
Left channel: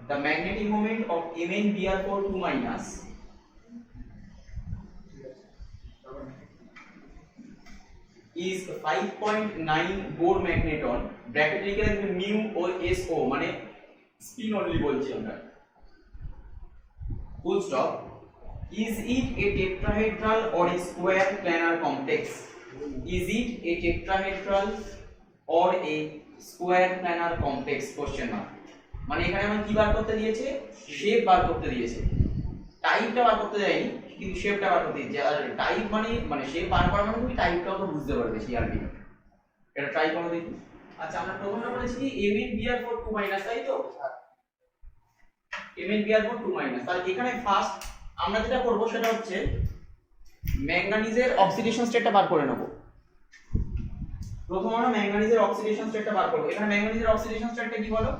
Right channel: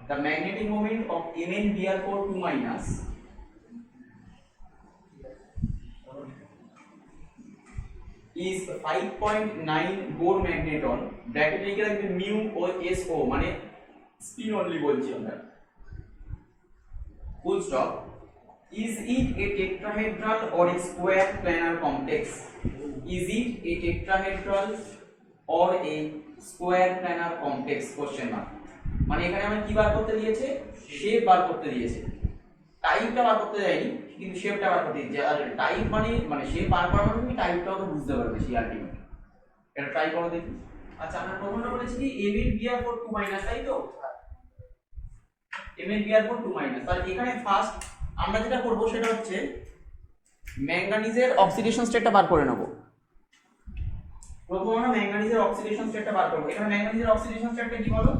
The magnetic moment of MnBr4 2- is 5.9 Bohr magneton, bracket লিখে রাখবে মিউ ও S O, মানে spin only বলছি আমরা, full stop. Is it a tetrahedral or a square planar complex? Is it a tetrahedral or a square planar complex? Question mark. মানে এখানে আমরা কি বার করতে দিয়েছে? শেপ বার করতে দিয়েছে, টাইপটা বার করতে যায়নি, কিন্তু শেপটা বার করতে দিয়েছে। আর টাইপ মানে শেপ বার করা মানে তুমি টাইপটাও তো বুঝতে পারবে সেই আলটিমেট। এটা ট্রাই করো দেখি। আচ্ছা, আমরা প্রথমটা বলেছি কি MnBr4 2-, তাই তো? MnBr4 2-, তাহলে এখানে ফার্স্ট আমরা যেটা করব সেটা হচ্ছে ম্যাঙ্গানিজের অক্সিডেশন স্টেটটা বার করে নেব। প্রথম আমরা ম্যাঙ্গানিজের অক্সিডেশন স্টেটটা বার করব। এখানে ম্যাঙ্গানিজের অক্সিডেশন স্টেটটা কি বলো?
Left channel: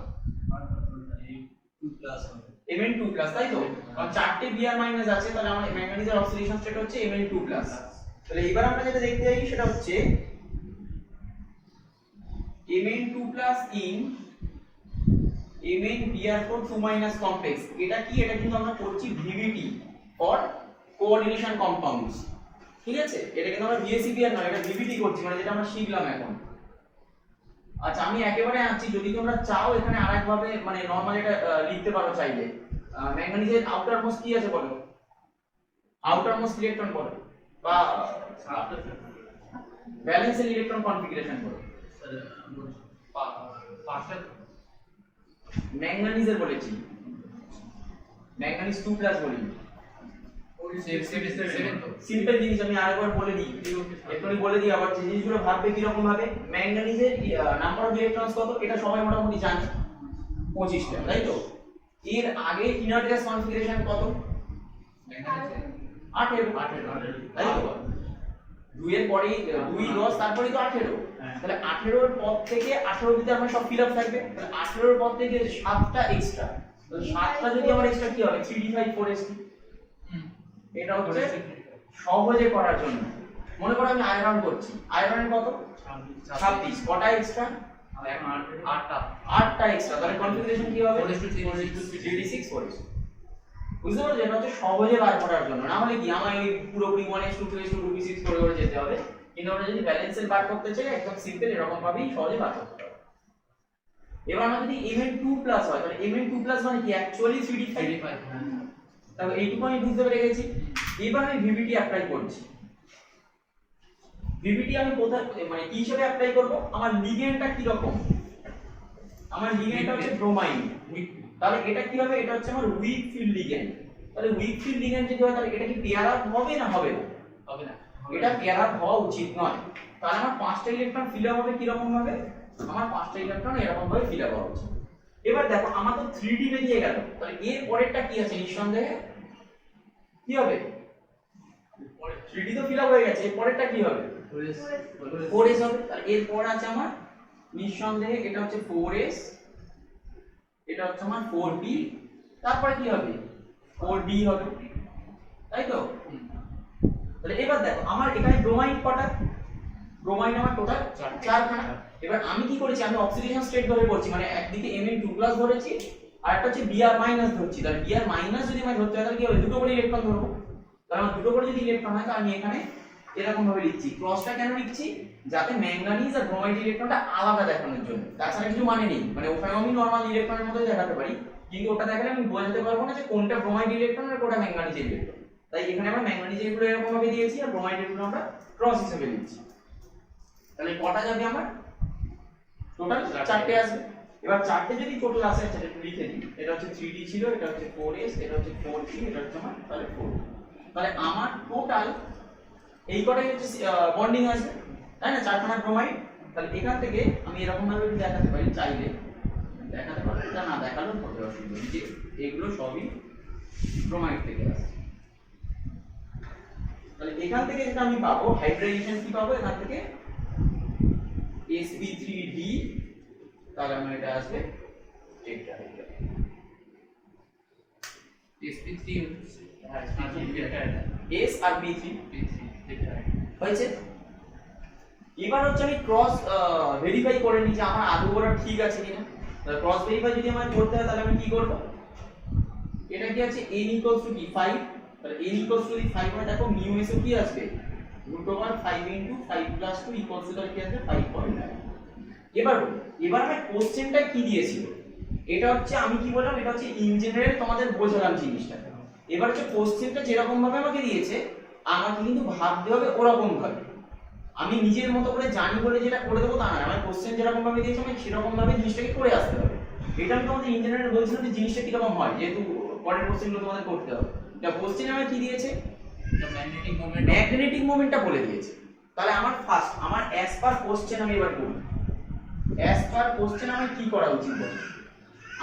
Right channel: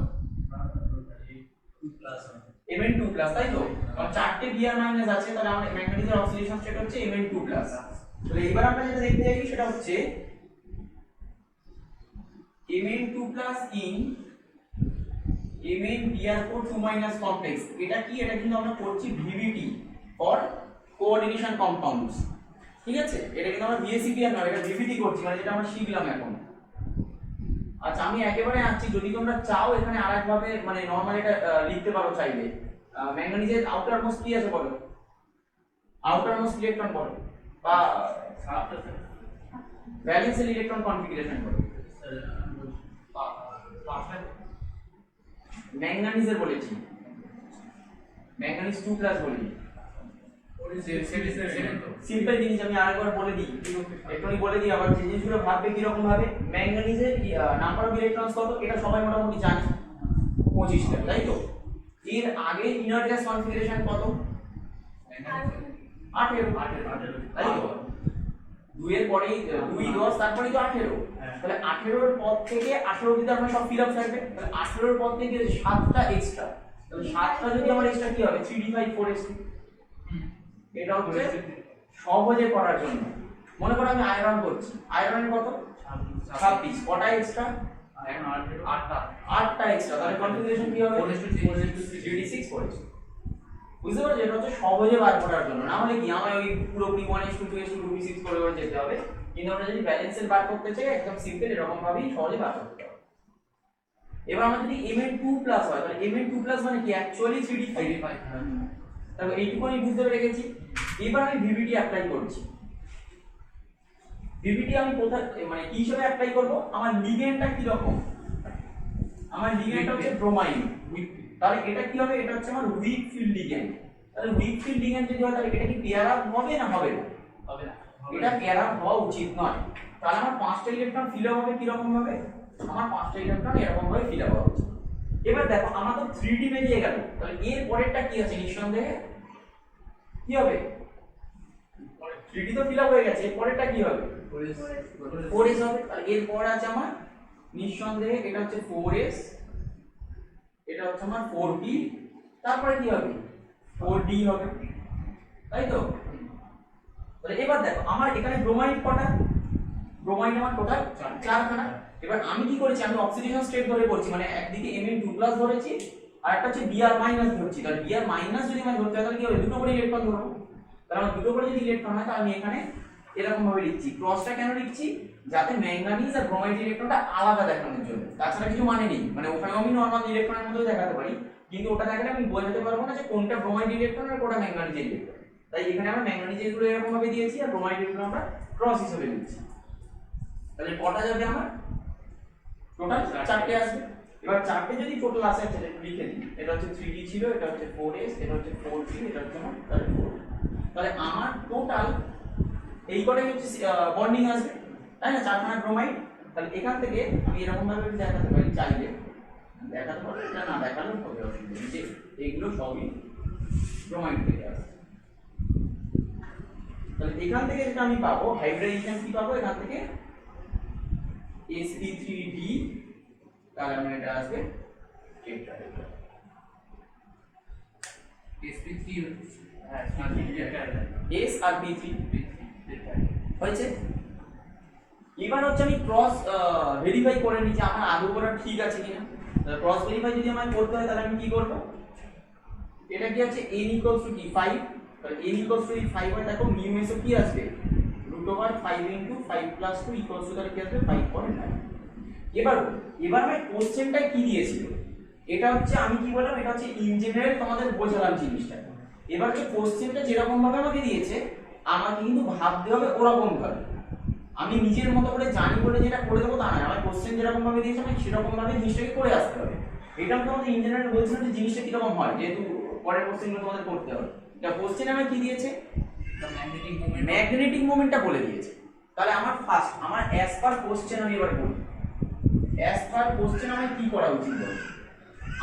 Mn2+, তাই তো? কারণ 4টে Br- আছে, তাহলে আমাদের ম্যাঙ্গানিজের অক্সিডেশন স্টেট হচ্ছে Mn2+। তাহলে এবার আমরা যেটা দেখতে যাই সেটা হচ্ছে Mn2+ in MnBr4 2- complex। এটা কি? এটা কিন্তু আমরা করছি VBT ফর কোঅর্ডিনেশন কম্পাউন্ডস, ঠিক আছে? এটা কিন্তু আমরা VACPR না, এটা VBT করছি, মানে যেটা আমরা শিখলাম এখন। আচ্ছা, আমি একেবারে আনছি, যদি তোমরা চাও এখানে আরেকভাবে মানে নরমাল এটা লিখতে পারো চাইলে। ম্যাঙ্গানিজের আউটার মোস্ট কি আছে বলো? আউটার মোস্ট ইলেকট্রন বলো, বা ভ্যালেন্সিয়াল ইলেকট্রন কনফিগারেশন বলো। ম্যাঙ্গানিজের বলেছি, ম্যাঙ্গানিজ 2+ বলিনি। সিম্পল জিনিস আমি আরেকবার বলে দিই, একটুখানি বলে দিই আবার, যে জিনিসগুলো ভাববে কিরকম ভাবে। ম্যাঙ্গানিজের নাম্বার অফ ইলেকট্রনস কত? এটা সবাই মোটামুটি জানে, 25টা, তাই তো? এর আগে ইনার গ্যাস কনফিগারেশন কত? 18, তাই তো? 2 এর পরেই 2 10, তারপরেই তো 18। তাহলে 18 এর পর থেকে 18 অবধি আমার সব ফিল আপ থাকবে। তাহলে 18 এর পর থেকে 7টা এক্সট্রা, তাহলে 7টা যদি আমার এক্সট্রা কি হবে? 3d5 4sp। এটা হচ্ছে সহজে করার জন্য। মনে করো আমি আয়রন করছি, আয়রনের কত? 26। কটা এক্সট্রা? 8টা এক্সট্রা, তাহলে কনফিগারেশন কি হবে? 3d6 4sp। বুঝতে পারছো? এটা হচ্ছে সহজে বার করার জন্য, না হলে কি আমায় ওই পুরোপুরি 1s2 2s2 2p6 করে করে যেতে হবে। কিন্তু আমরা যদি ব্যালেন্সের বার করতে চাই একদম সিম্পল এরকম ভাবেই সহজে বার করতে পারবো। এবার আমরা যদি Mn2+ হয়, তাহলে Mn2+ মানে কি? Actually 3d5। তাহলে এইটুকু আমি বুঝতে পেরে গেছি। এবার আমি VBT অ্যাপ্লাই করছি। VBT আমি কোথায় মানে কি হিসেবে অ্যাপ্লাই করব? আমার লিগ্যান্ডটা কি রকম? আমার লিগ্যান্ডটা হচ্ছে ব্রোমাইন। তাহলে এটা কি হবে? এটা হচ্ছে আমার উইক ফিল্ড লিগ্যান্ড। তাহলে উইক ফিল্ড লিগ্যান্ড যদি হয় তাহলে এটা কি পেয়ার আপ হবে না হবে না? হবে না। এটা পেয়ার আপ হওয়া উচিত নয়। তাহলে আমার 5টা ইলেকট্রন ফিল আপ হবে কি রকম ভাবে? আমার 5টা ইলেকট্রন এরকম ভাবে ফিল আপ হওয়া উচিত। এবার দেখো আমার তো 3D বেরিয়ে গেল, তাহলে এর পরেরটা কি আছে নিঃসন্দেহে কি হবে? 3D তো ফিল আপ হয়ে গেছে, এর পরেরটা কি হবে? 4s হবে। তাহলে এর পর আছে আমার নিঃসন্দেহে এটা হচ্ছে 4s, এটা হচ্ছে আমার 4p, তারপরে কি হবে? 4d হবে, তাই তো? তাহলে এবার দেখো আমার এখানে ব্রোমাইড কটা? ব্রোমাইড আমার টোটাল 4খানা। এবার আমি কি করেছি, আমি অক্সিডেশন স্টেট ধরে পড়ছি, মানে একদিকে Mn2+ ধরেছি আর একটা হচ্ছে Br- ধরছি। তাহলে Br- যদি আমি ধরতে হয় তাহলে কি হবে? দুটো করে ইলেকট্রন ধরবো। তাহলে আমার দুটো করে যদি ইলেকট্রন হয় তাহলে আমি এখানে এরকম ভাবে লিখছি। ক্রসটা কেন লিখছি? যাতে ম্যাঙ্গানিজ আর ব্রোমাইড ইলেকট্রনটা আলাদা দেখানোর জন্য, তাছাড়া কিছু মানে নেই। মানে ওখানে আমি নরমাল ইলেকট্রনের মতোই দেখাতে পারি, কিন্তু ওটা দেখালে আমি বোঝাতে পারবো না যে কোনটা ব্রোমাইড ইলেকট্রন আর কোনটা ম্যাঙ্গানিজ ইলেকট্রন। তাই এখানে আমরা ম্যাঙ্গানিজ গুলো এরকম ভাবে দিয়েছি আর ব্রোমাইড গুলো আমরা ক্রস হিসেবে দিচ্ছি। তাহলে কটা যাবে আমার? টোটাল 4টে আসবে। এবার 4টে যদি টোটাল আসে, আচ্ছা একটু লিখে দিই। এটা হচ্ছে 3D ছিল, এটা হচ্ছে 4s, এটা হচ্ছে 4p, এটা হচ্ছে আমার তাহলে 4। তাহলে আমার টোটাল এই কটাই হচ্ছে বন্ডিং আসবে, তাই না? 4খানা ব্রোমাইড। তাহলে এখান থেকে আমি এরকম ভাবে দেখাতে পারি, চাইলে দেখাতে পারবো, এটা না দেখালেও হবে, অসুবিধা নেই, যে এগুলো সবই ব্রোমাইড থেকে আসছে। তাহলে এখান থেকে যেটা আমি পাবো হাইড্রাইজেশন কি পাবো এখান থেকে? sp3d, তাহলে আমার এটা আসবে টেট্রাহাইড্রাল। sp3 হচ্ছে হ্যাঁ s আর p3 টেট্রাহাইড্রাল হয়েছে। এবার হচ্ছে আমি ক্রস ভেরিফাই করে নিই যে আমার আদৌ করা ঠিক আছে কিনা। তাহলে ক্রস ভেরিফাই যদি আমার করতে হয় তাহলে আমি কি করব? এটা কি আছে n = কি 5, তাহলে n = যদি 5 হয় দেখো μs কি আসবে? √5 * 5 + 2 = তাহলে কি আসবে? 5.9। এবার আমার কোশ্চেনটা কি দিয়েছিল? এটা হচ্ছে আমি কি বললাম, এটা হচ্ছে ইন জেনারেল তোমাদের বোঝালাম জিনিসটা। এবার হচ্ছে কোশ্চেনটা যেরকম ভাবে আমাকে দিয়েছে আমাকে কিন্তু ভাবতে হবে ওরকম ভাবে। আমি নিজের মতো করে জানি বলে যেটা করে দেবো তা না, আমার কোশ্চেন যেরকম ভাবে দিয়েছে আমি সেরকম ভাবে জিনিসটাকে করে আসতে হবে। এটা আমি তোমাদের ইন জেনারেল বলছিলাম যে জিনিসটা কিরকম হয়, যেহেতু পরের কোশ্চেনগুলো তোমাদের করতে হবে। এটা কোশ্চেন আমাকে কি দিয়েছে? ম্যাগনেটিক মোমেন্ট ম্যাগনেটিক মোমেন্টটা বলে দিয়েছে। তাহলে আমার ফার্স্ট আমার অ্যাজ পার কোশ্চেন আমি এবার বলি, অ্যাজ পার কোশ্চেন আমার কি করা উচিত বলো?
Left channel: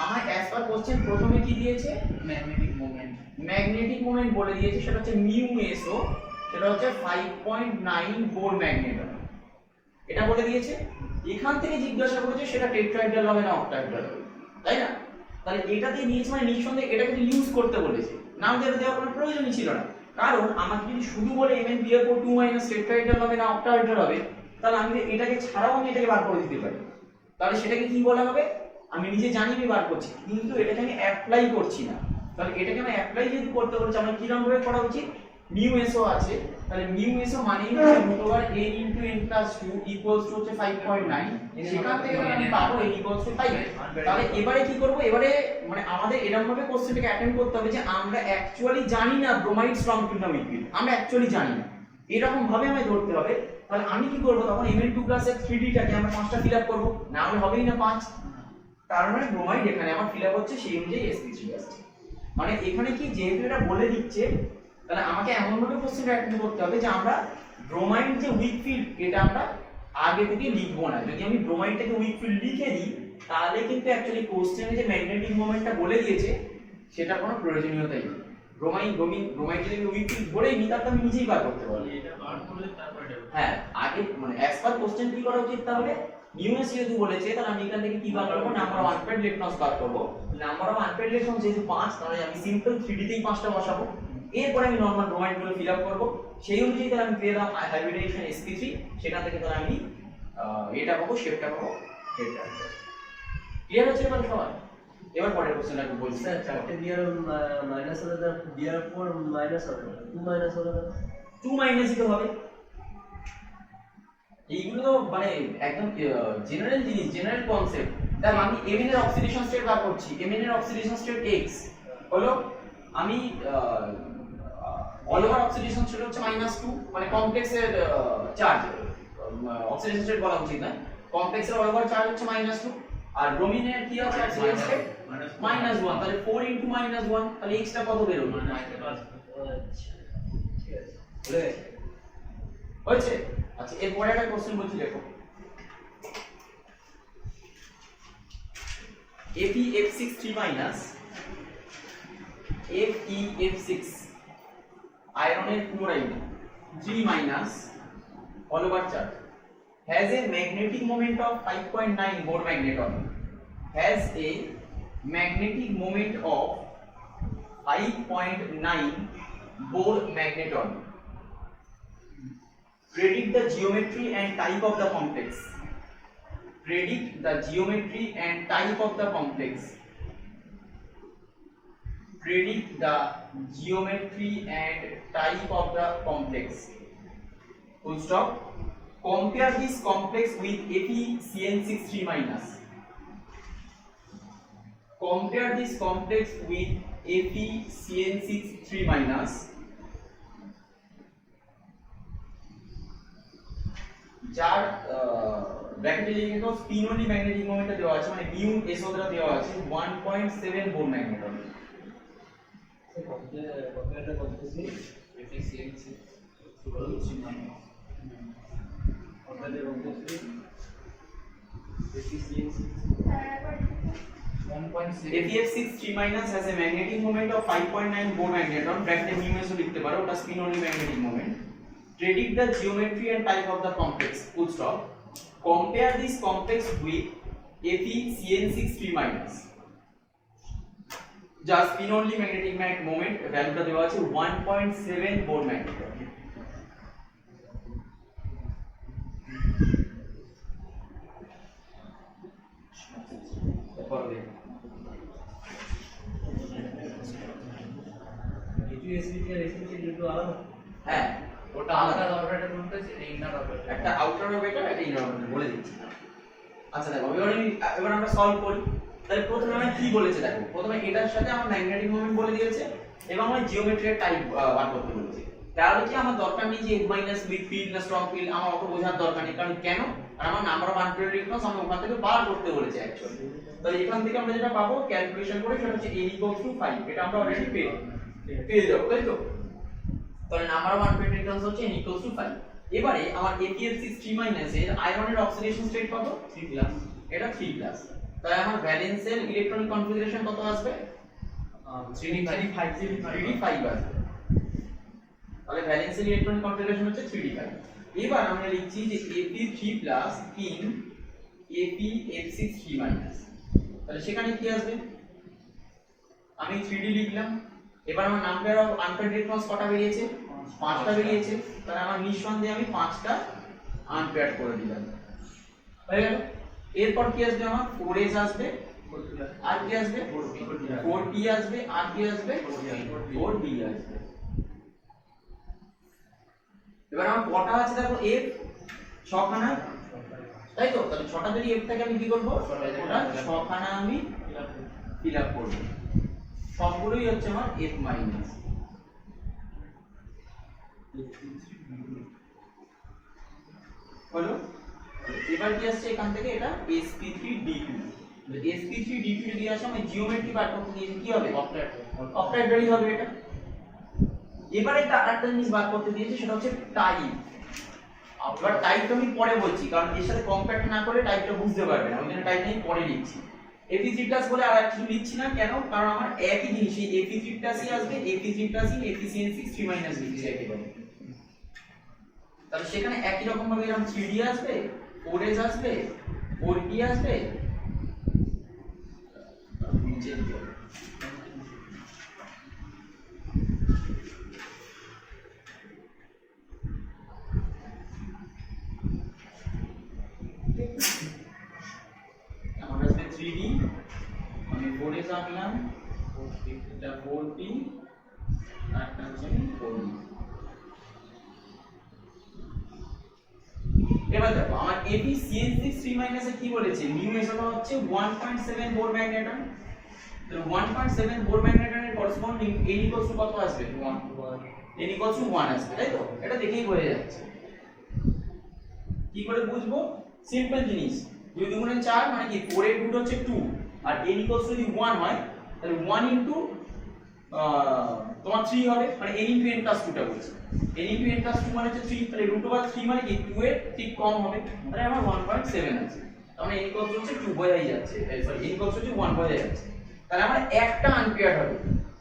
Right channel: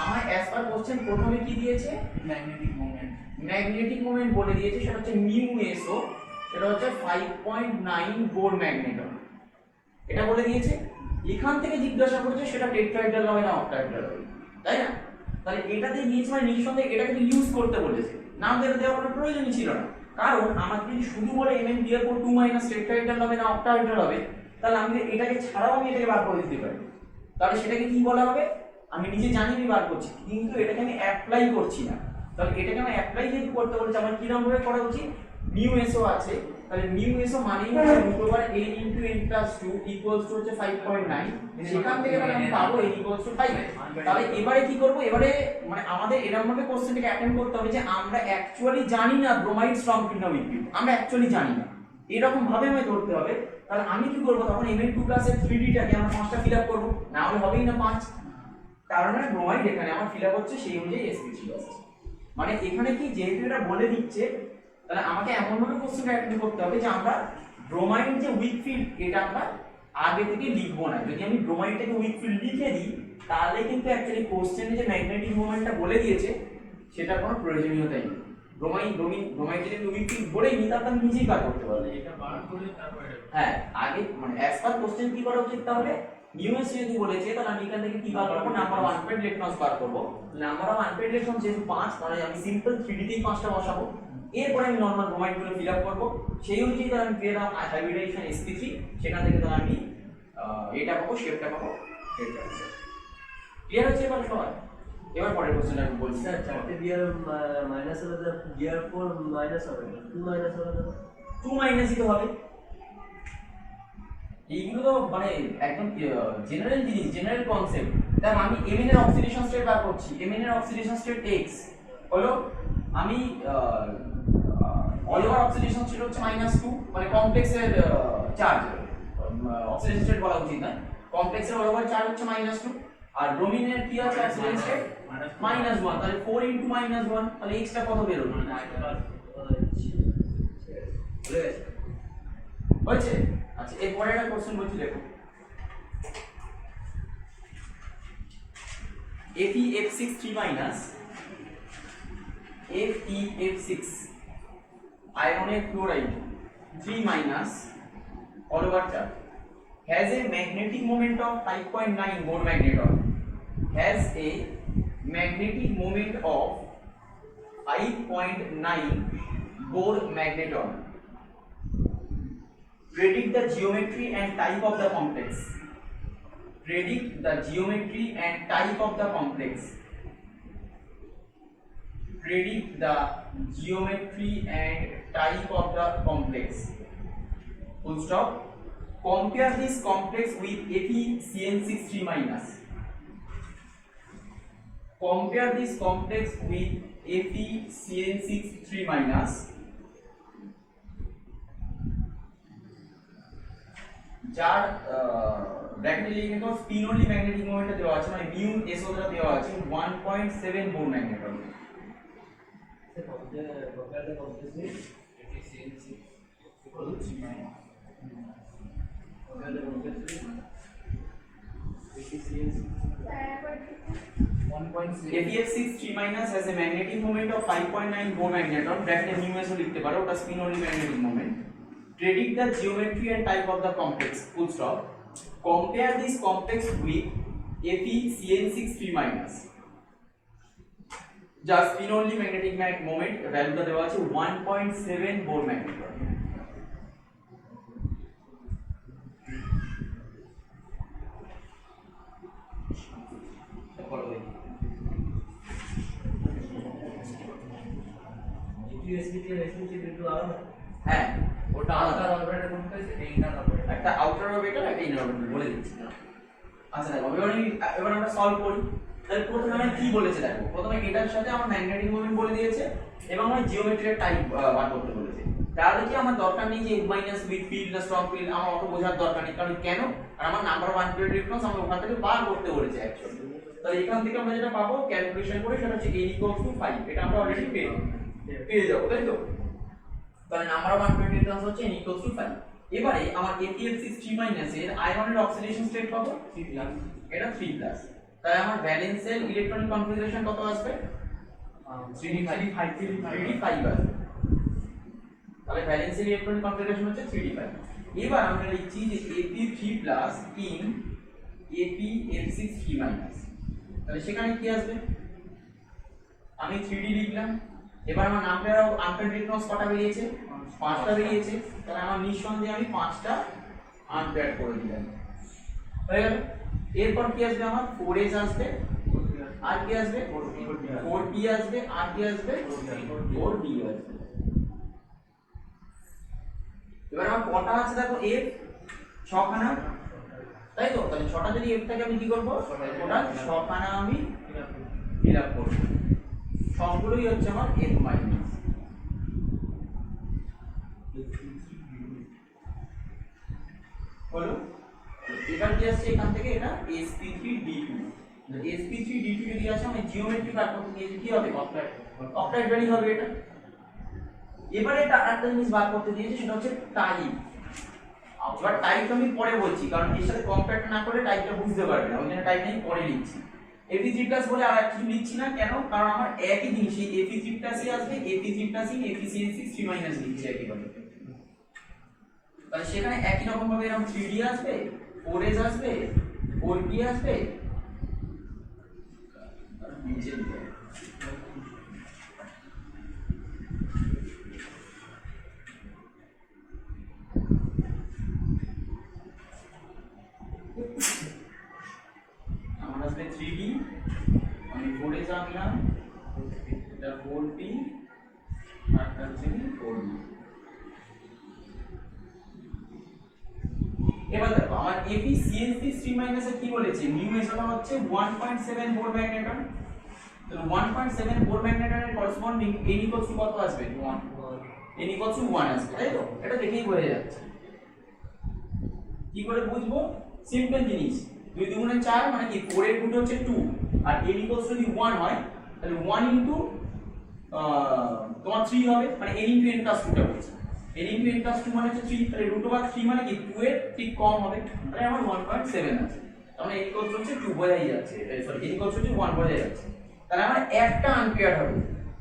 আমার অ্যাজ পার কোশ্চেন প্রথমে কি দিয়েছে? ম্যাগনেটিক মোমেন্ট ম্যাগনেটিক মোমেন্ট বলে দিয়েছে, সেটা হচ্ছে μSO, সেটা হচ্ছে 5.9 বোর ম্যাগনেটন, এটা বলে দিয়েছে। এখান থেকে জিজ্ঞাসা করেছে সেটা টেট্রাহাইড্রাল হবে না অক্টাহাইড্রাল হবে, তাই না? তাহলে এটাতে নিয়েছে মানে নিঃসন্দেহে এটাকে তো ইউজ করতে বলেছে, নাম দেওয়ার কোনো প্রয়োজনই ছিল না। কারণ আমাকে যদি শুধু বলে MnBr2- টেট্রাহাইড্রাল হবে না অক্টাহাইড্রাল হবে, তাহলে আমি এটাকে ছাড়াও আমি এটাকে বার করে দিতে পারি। তাহলে সেটাকে কি বলা হবে? আমি নিজে জানি আমি বার করছি, কিন্তু এটাকে আমি অ্যাপ্লাই করছি না। তাহলে এটাকে আমি অ্যাপ্লাই যেহেতু করতে বলেছি, আমার কিরকম ভাবে করা উচিত? μSO আছে, তাহলে μSO মানেই হচ্ছে √n * n+2 হচ্ছে 5.9, সেখান থেকে আমি পাবো n = 5। তাহলে এবারে কি করব? এবারে মানে আমাদের এরকম ভাবে কোশ্চেনটাকে অ্যাটেন্ড করতে হবে যে আমরা অ্যাকচুয়ালি জানি না ব্রোমাইড স্ট্রং ফিল্ড না উইক ফিল্ড, আমরা অ্যাকচুয়ালি জানি না, এরকম ভাবে আমি ধরতে হবে। তাহলে আমি কি করব? তখন Mn2+ এর 3D টাকে আমরা 5টা ফিল আপ করব, না হলে হবেই না 5। তার মানে ব্রোমাইড এখানে আমার ফিল আপ হচ্ছে সেই অনুযায়ী sp3 আসছে। মানে এখানে কি যেহেতু এটা বলে দিচ্ছে, তাহলে আমাকে এমন ভাবে কোশ্চেনটা অ্যাটেন্ড করতে হবে যে আমরা ব্রোমাইড যে উইক ফিল্ড এটা আমরা আগে থেকে লিখবো না। যদি আমি ব্রোমাইডটাকে উইক ফিল্ড লিখে দিই তাহলে কিন্তু অ্যাকচুয়ালি কোশ্চেনে যে ম্যাগনেটিক মোমেন্টটা বলে দিয়েছে সেটার কোনো প্রয়োজনীয়তাই নেই। ব্রোমাইড যদি উইক ফিল্ড ধরেই নিই তাহলে আমি নিজেই বার করতে পারবো। এটা বার করে তারপরে হ্যাঁ, আগে মানে অ্যাজ পার কোশ্চেন কি করা উচিত? তাহলে μs যদি বলেছে তাহলে আমি এখান থেকে কি বার করব? নাম্বার অফ আনপেইড ইলেকট্রনস বার করব। নাম্বার অফ আনপেইড ইলেকট্রন যেহেতু 5, তাহলে আমি সিম্পল 3D তেই 5টা বসাবো। এরপরে আমি নরমাল ব্রোমাইড গুলো ফিল আপ করব, সেই অনুযায়ী তাহলে আমি পেয়ে দাও হাইব্রিডাইজেশন sp3, সেখান থেকে তাহলে আমি এটা পাবো, শেপটা পাবো টেট্রাহাইড্রাল। ক্লিয়ার হচ্ছে এবার সবার? এবার পরের কোশ্চেনটা আমি বলছি। স্যার 4টে বিয়ার মাইনাস হলে তো Br4 মাইনাস হবে না, 2 মাইনাস হলে তো 2 মাইনাসই তো হবে। এইগুলো তো মানে একদম জেনারেল জিনিস, জেনারেল কনসেপ্ট। তাই আমি Mn এর অক্সিডেশন স্টেট বার করছি, Mn এর অক্সিডেশন স্টেট x হলো, আমি অল ওভার অক্সিডেশন স্টেট হচ্ছে -2, মানে কমপ্লেক্সের চার্জ, অক্সিডেশন স্টেট বলা উচিত না, কমপ্লেক্সের অল ওভার চার্জ হচ্ছে -2, আর ব্রোমিনের কি আছে অক্সিডেশন স্টেট -1, তাহলে 4 * -1, তাহলে x টা কত বেরোবে? হয়েছে? আচ্ছা, এরপরে একটা কোশ্চেন বলছি দেখো। FeF6 3 minus FeF6 ionic chloride 3 minus all over charge has a magnetic moment of 5.9 Bohr magneton, has a magnetic moment of 5.9 Bohr magneton. Predict the geometry and type of the complex. Predict the geometry and type of the complex. Predict the geometry and type of the complex. Full stop. Compare this complex with FeCN6 3 minus. Compare this complex with FeCN6 3 minus. যার ব্র্যাকেটে লিখে দাও spin only magnetic মোমেন্টটা দেওয়া আছে, মানে mu S ওটা দেওয়া আছে 1.7 Bohr magneton. FeF6 3 minus has a magnetic moment of 5.9 Bohr magneton, ব্র্যাকেটে মিউ এস ও লিখতে পারো, ওটা spin only magnetic moment. Predict the geometry and type of the complex. Full stop. Compare this complex with FeCN6 3 minus. Just spin only magnetic moment ভ্যালুটা দেওয়া আছে 1.7 Bohr magneton. হ্যাঁ, ওটা আলাদা অপারেটর কোনটা সেটা ইনার অপারেটর। একটা আউটার অরবিটাল একটা ইনার অরবিটাল বলে দিচ্ছি। আচ্ছা দেখো, এবার আমরা সলভ করি। তাহলে প্রথমে আমি কি বলেছে দেখো, প্রথমে এটার সাথে আমার ম্যাগনেটিক মোমেন্ট বলে দিয়েছে এবং আমার জিওমেট্রিক টাইপ বার করতে বলেছে। তাহলে কি আমার দরকার নেই যে মাইনাস উইক ফিল্ড না স্ট্রং ফিল্ড, আমার অত বোঝার দরকার নেই। কারণ কেন? আর আমার নাম্বার অফ আনপ্রেডিক্টেড রিকোয়েস্ট আমি ওখান থেকে বার করতে বলেছে অ্যাকচুয়ালি। তাহলে এখান থেকে আমরা যেটা পাবো ক্যালকুলেশন করে সেটা হচ্ছে a = 5, এটা আমরা অলরেডি পেয়ে যাবো, তাই তো? তাহলে নাম্বার অফ আনপ্রেডিক্টেড রিকোয়েস্ট হচ্ছে n = 5। এবারে আমার FeF6 3 মাইনাস এর আয়রনের অক্সিডেশন স্টেট কত? 3+। এটা 3+। তাহলে আমার ভ্যালেন্সের ইলেকট্রনিক কনফিগারেশন কত আসবে? 3d5 আসবে। তাহলে ভ্যালেন্সের ইলেকট্রনিক কনফিগারেশন হচ্ছে 3d5। এবার আমরা লিখছি যে Fe3+ in FeF6 3 মাইনাস। তাহলে সেখানে কি আসবে? আমি 3d লিখলাম। এবার আমার নাম্বার অফ আনপেয়ার্ড ইলেকট্রনস কটা বেরিয়েছে? 5টা বেরিয়েছে। তাহলে আমার নিঃসন্দেহে আমি 5টা আনপেয়ার্ড করে দিলাম, হয়ে গেল। এরপর কি আসবে? আমার 4s আসবে, আর কি আসবে? 4p আসবে, আর কি আসবে? 4d আসবে। এবার আমার কটা আছে দেখো, f 6খানা, তাই তো? তাহলে 6টা যদি f থাকে আমি কি করব? ওটা 6খানা আমি ফিল আপ করব। সবগুলোই হচ্ছে আমার f মাইনাস। হলো? এবার কি আসছে এখান থেকে? এটা sp3d2। sp3d2 যদি আসে আমি জিওমেট্রি বার করতে দিয়েছি, কি হবে? অক্টাহেড্রালি হবে এটা। এবারে এটা আরেকটা জিনিস বার করতে দিয়েছি, সেটা হচ্ছে টাইপ। এবার টাইপটা আমি পরে বলছি, কারণ এর সাথে কম্পেয়ার না করলে টাইপটা বুঝতে পারবে না, ওই জন্য টাইপ আমি পরে লিখছি। Fe3+ বলে আর কিছু লিখছি না, কেন? কারণ আমার একই জিনিস এই Fe3+ই আসবে, Fe3+ in FeCN6 3 মাইনাস লিখছি একেবারে। তাহলে সেখানে একই রকম ভাবে এরকম 3d আসবে, 4s আসবে, 4p আসবে, নিচে দিতে হবে। আমার আসবে 3d, আমি 4s আনলাম, এটা 4p, আর একটা হচ্ছে 4d। এবার দেখো আমার FeCN6 3 মাইনাস এ কি বলেছে? মিউ এসটা হচ্ছে 1.7 বোর ম্যাগনেটন। তাহলে 1.7 বোর ম্যাগনেটনের করেসপন্ডিং n = কত আসবে? 1 = 1 আসবে, তাই তো? এটা দেখেই বোঝা যাচ্ছে। কি করে বুঝবো? সিম্পল জিনিস, 2 × 4 মানে কি? 4 এর রুট হচ্ছে 2, আর n ইকুয়ালস যদি 1 হয় তাহলে 1 ইনটু তোমার 3 হবে, মানে n ইনটু n প্লাস 2 টা বলছি। n ইনটু n প্লাস 2 মানে হচ্ছে 3, তাহলে রুট ওভার 3 মানে কি 2 এর ঠিক কম হবে, তাহলে আমার 1.7 আছে। তার মানে n ইকুয়ালস হচ্ছে 2 বোঝাই যাচ্ছে, সরি n ইকুয়ালস হচ্ছে 1 বোঝাই যাচ্ছে। তাহলে আমার একটা আনপেয়ার্ড হবে।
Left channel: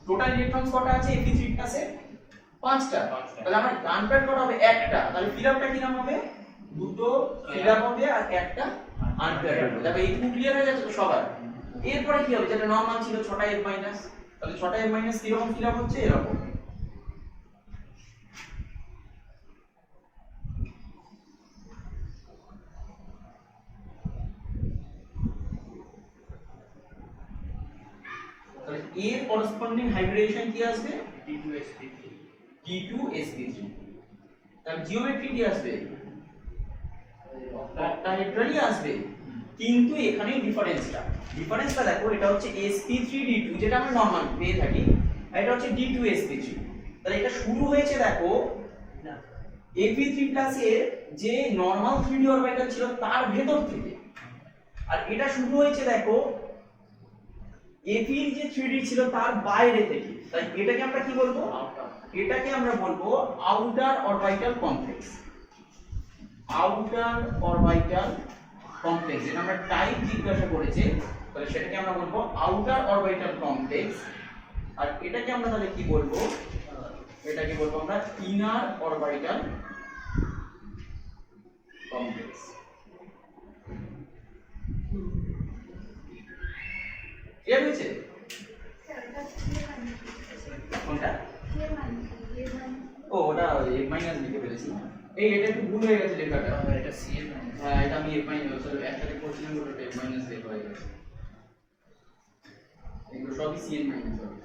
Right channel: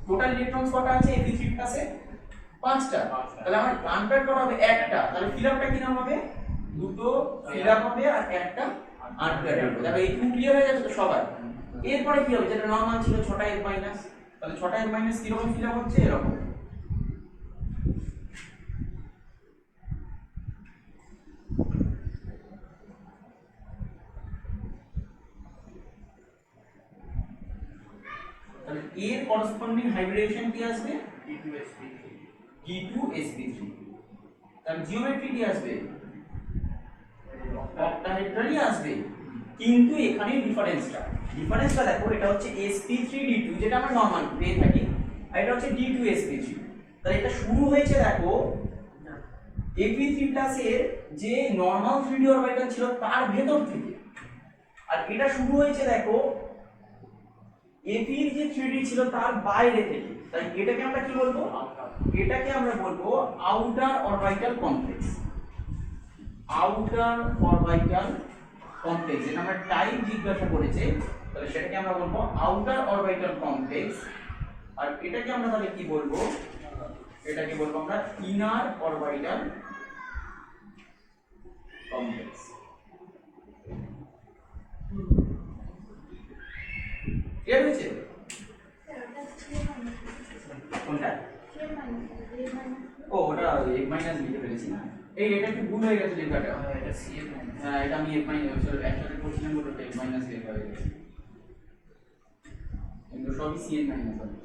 টোটাল ইলেকট্রনস কটা আছে Fe3 ক্লাসে? 5টা। তাহলে আমার আনপেয়ার্ড কটা হবে? একটা। তাহলে ফিল আপটা কি নাম হবে? দুটো ফিল আপ হবে আর একটা আনপেয়ার্ড হবে। তাহলে এইটুকু ক্লিয়ার হয়ে যাচ্ছে তো সবার। এরপরে কি হবে? যেটা নরমাল ছিল 6টা F মাইনাস, তাহলে 6টা F মাইনাস কি রকম ফিল আপ হচ্ছে? এরকম। তাহলে এর করসপন্ডিং হাইব্রিডেশন কি আসবে? D2sp3। তাহলে জিওমেট্রি কি আসবে? অক্টাহেড্রালই আসবে, কিন্তু এখানে ডিফারেন্সটা দেখো, এটা হচ্ছে sp3d2 যেটা আমরা নরমাল পেয়ে থাকি, আর এটা হচ্ছে d2sp3। তাহলে এটা শুরু হয়েছে দেখো Fe3 এর যে নরমাল 3d অরবিটাল ছিল তার ভেতর থেকে, আর এটা শুরু হয়েছে দেখো Fe এর যে 3d ছিল তার বাইরে থেকে। তাই এটাকে আমরা কি বলবো? এটাকে আমরা বলবো outer orbital complex. Outer orbital complex, যেটা আমরা টাইপ জিজ্ঞাসা করেছে, তাহলে সেটাকে আমরা বলবো আউটার অরবিটাল কমপ্লেক্স। আর এটাকে আমরা তাহলে কি বলবো? এটাকে বলবো আমরা ইনার অরবিটাল কমপ্লেক্স। ক্লিয়ার হয়েছে? কোনটা? ও ওটা f মাইনাস লিখে ফেলেছি না, এটা একটু ভুল হয়ে গেছে লেখাটা। এটা CL মাইনাস। হ্যাঁ, এটা আমি f মাইনাস একটাকে করছিলাম, বলে f মাইনাস লেখা হয়ে গেছে। এগুলো সবই cn মাইনাস হবে।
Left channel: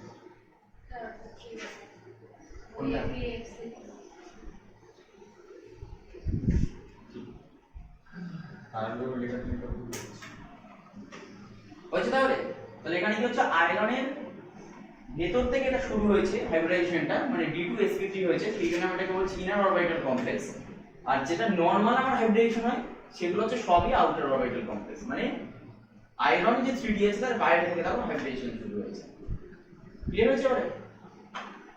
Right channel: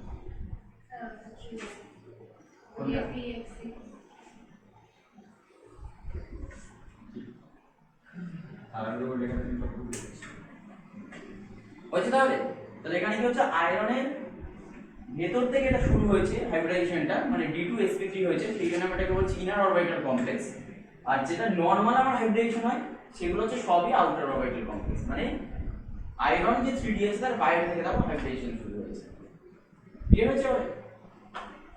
কোনটা? আর লোক লেখা তুমি সব ভুল করেছো। হয়েছে তাহলে? তাহলে এখানে কি হচ্ছে? আয়রনের ভেতর থেকে এটা শুরু হয়েছে হাইব্রিডাইজেশনটা, মানে D2sp3 হয়েছে, সেই জন্য আমরা এটাকে বলছি ইনার অরবিটাল কমপ্লেক্স। আর যেটা নরমাল আমার হাইব্রিডাইজেশন হয় সেগুলো হচ্ছে সবই আউটার অরবিটাল কমপ্লেক্স, মানে আয়রন যে 3d আছে তার বাইরে থেকে তার হাইব্রিডাইজেশন শুরু হয়েছে। ক্লিয়ার হয়েছে এবারে?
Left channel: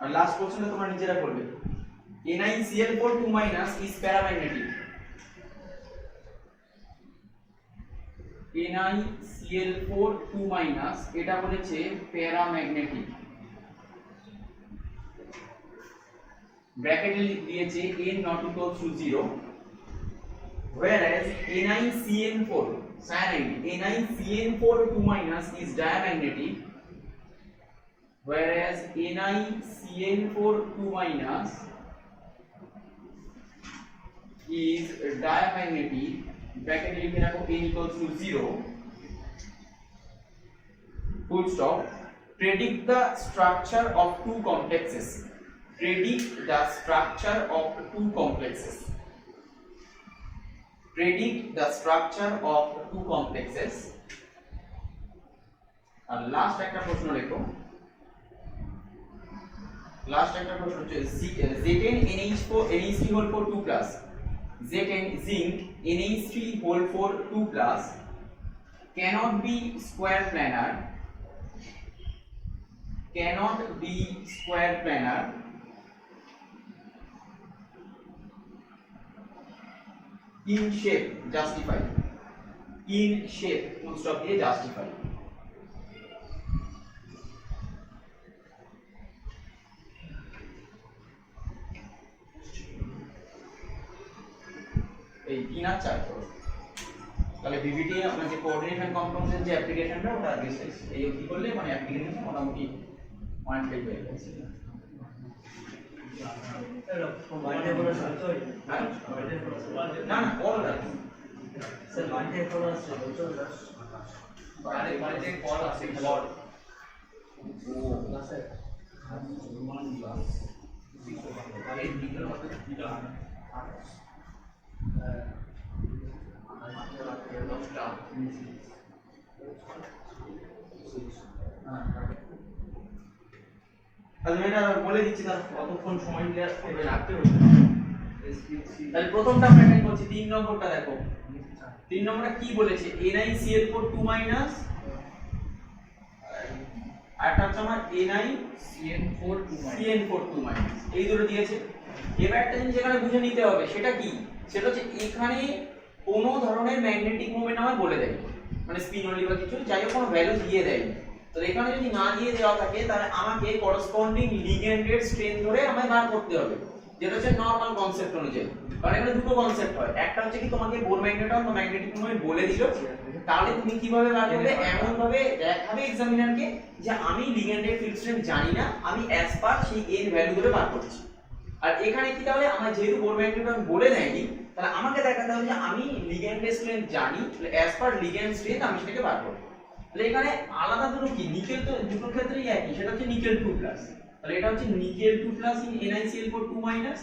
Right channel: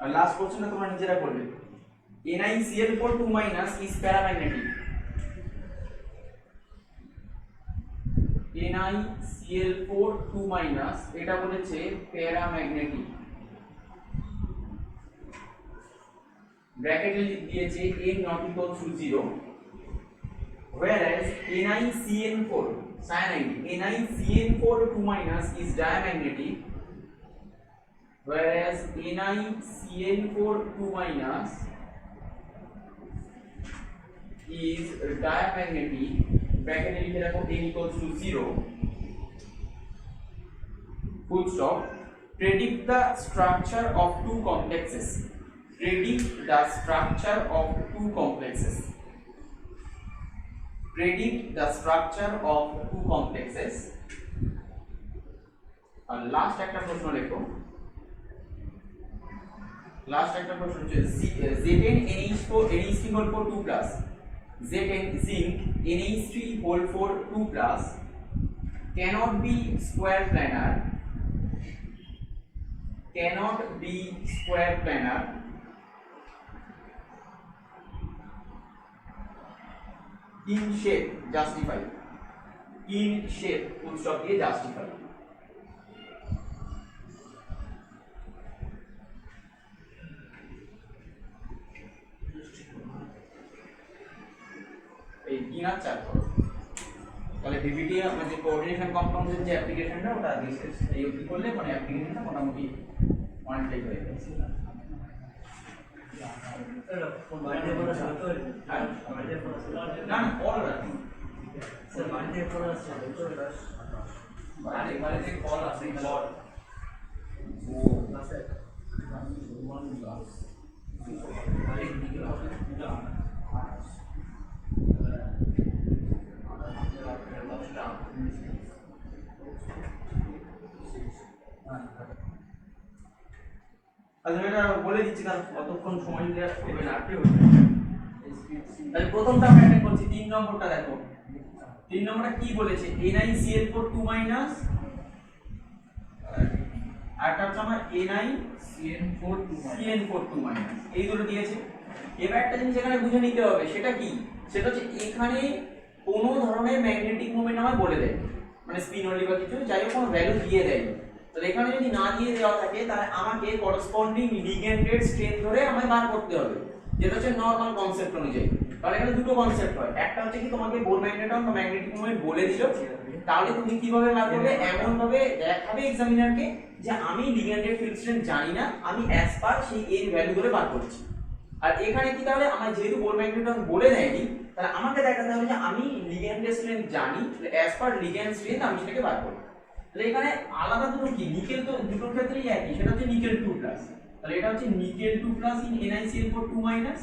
আর লাস্ট কোশ্চেনটা তোমরা নিজেরা করবে। NiCl4 2- is paramagnetic। NiCl4 2- এটা বলেছে প্যারাম্যাগনেটিক। ব্র্যাকেটে দিয়েছে n not equal to 0, whereas NiCN4 cyanide NiCN4 2- is diamagnetic, whereas NiCN4 2- is diamagnetic। ব্র্যাকেটে লিখে রাখো n equals to 0, full stop। Predict the structure of two complexes। Predict the structure of two complexes। Predict the structure of two complexes। আর last একটা প্রশ্ন লেখো। Last একটা প্রশ্ন হচ্ছে Zn NH3 2+, Zn zinc NH3 2+ cannot be square planar, cannot be square planar in shape, justify, in shape full stop দিয়ে justify। এই 3 আর 4 করো, তাহলে ভিভিটি আপনার যে কোঅর্ডিনেশন কম্পাউন্ডের যে অ্যাপ্লিকেশনটা ওটা আগে শেষ। এই অবধি করলে মানে অ্যাপ্লিকেশনটা মোটামুটি পয়েন্ট লাইক হয়ে যাচ্ছে। না না কল রাখুন স্যার মাইন্ডে ফোন আসছে তো আরে মানে যে কল আছে কল ও স্যার এই দিকে হবে আচ্ছা এটা বলে দিচ্ছি, তাহলে কতক্ষণ সময় দিলে রাখতে হবে। তাহলে প্রথমটা আমরা এটা করছি, 3 নম্বরটা দেখো। 3 নম্বরটা কি বলেছে? NiCl4 2- আর একটা হচ্ছে আমার ni CN42 মাইনাস, এই দুটো দিয়েছে। এবার একটা জিনিস এখানে বুঝে নিতে হবে, সেটা কি, সেটা হচ্ছে এখানে কোনো ধরনের ম্যাগনেটিক মোমেন্ট আমায় বলে দেয়, মানে স্পিন অনলি বা কিছু, যাই হোক কোনো ভ্যালু দিয়ে দেয়। তো এখানে যদি না দিয়ে দেওয়া থাকে তাহলে আমাকে করসপন্ডিং লিগ্যান্ডের স্ট্রেন ধরে আমায় বার করতে হবে, যেটা হচ্ছে নরমাল কনসেপ্ট অনুযায়ী। কারণ এখানে দুটো কনসেপ্ট হয়, একটা হচ্ছে কি তোমাকে বোর ম্যাগনেটন বা ম্যাগনেটিক মোমেন্ট বলে দিল, তাহলে তুমি কিভাবে বার করবে, এমন ভাবে দেখাবে এক্সামিনারকে যে আমি লিগ্যান্ডের ফিল্ড স্ট্রেন্থ জানি না, আমি অ্যাজ পার সেই এর ভ্যালু ধরে বার করছি। আর এখানে কি তাহলে আমার যেহেতু বোর ম্যাগনেটন বলে দেয়নি, তাহলে আমাকে দেখাতে হবে যে আমি লিগ্যান্ডের স্ট্রেন্থ জানি, অ্যাজ পার লিগ্যান্ড স্ট্রেন্থ আমি সেটাকে বার করব। তাহলে এখানে আলাদা দুটো কি, নিকেল তো দুটোর ক্ষেত্রেই একই, সেটা হচ্ছে নিকেল 2 প্লাস। তাহলে এটা হচ্ছে nickel 2 plus in NiCl4 2 minus,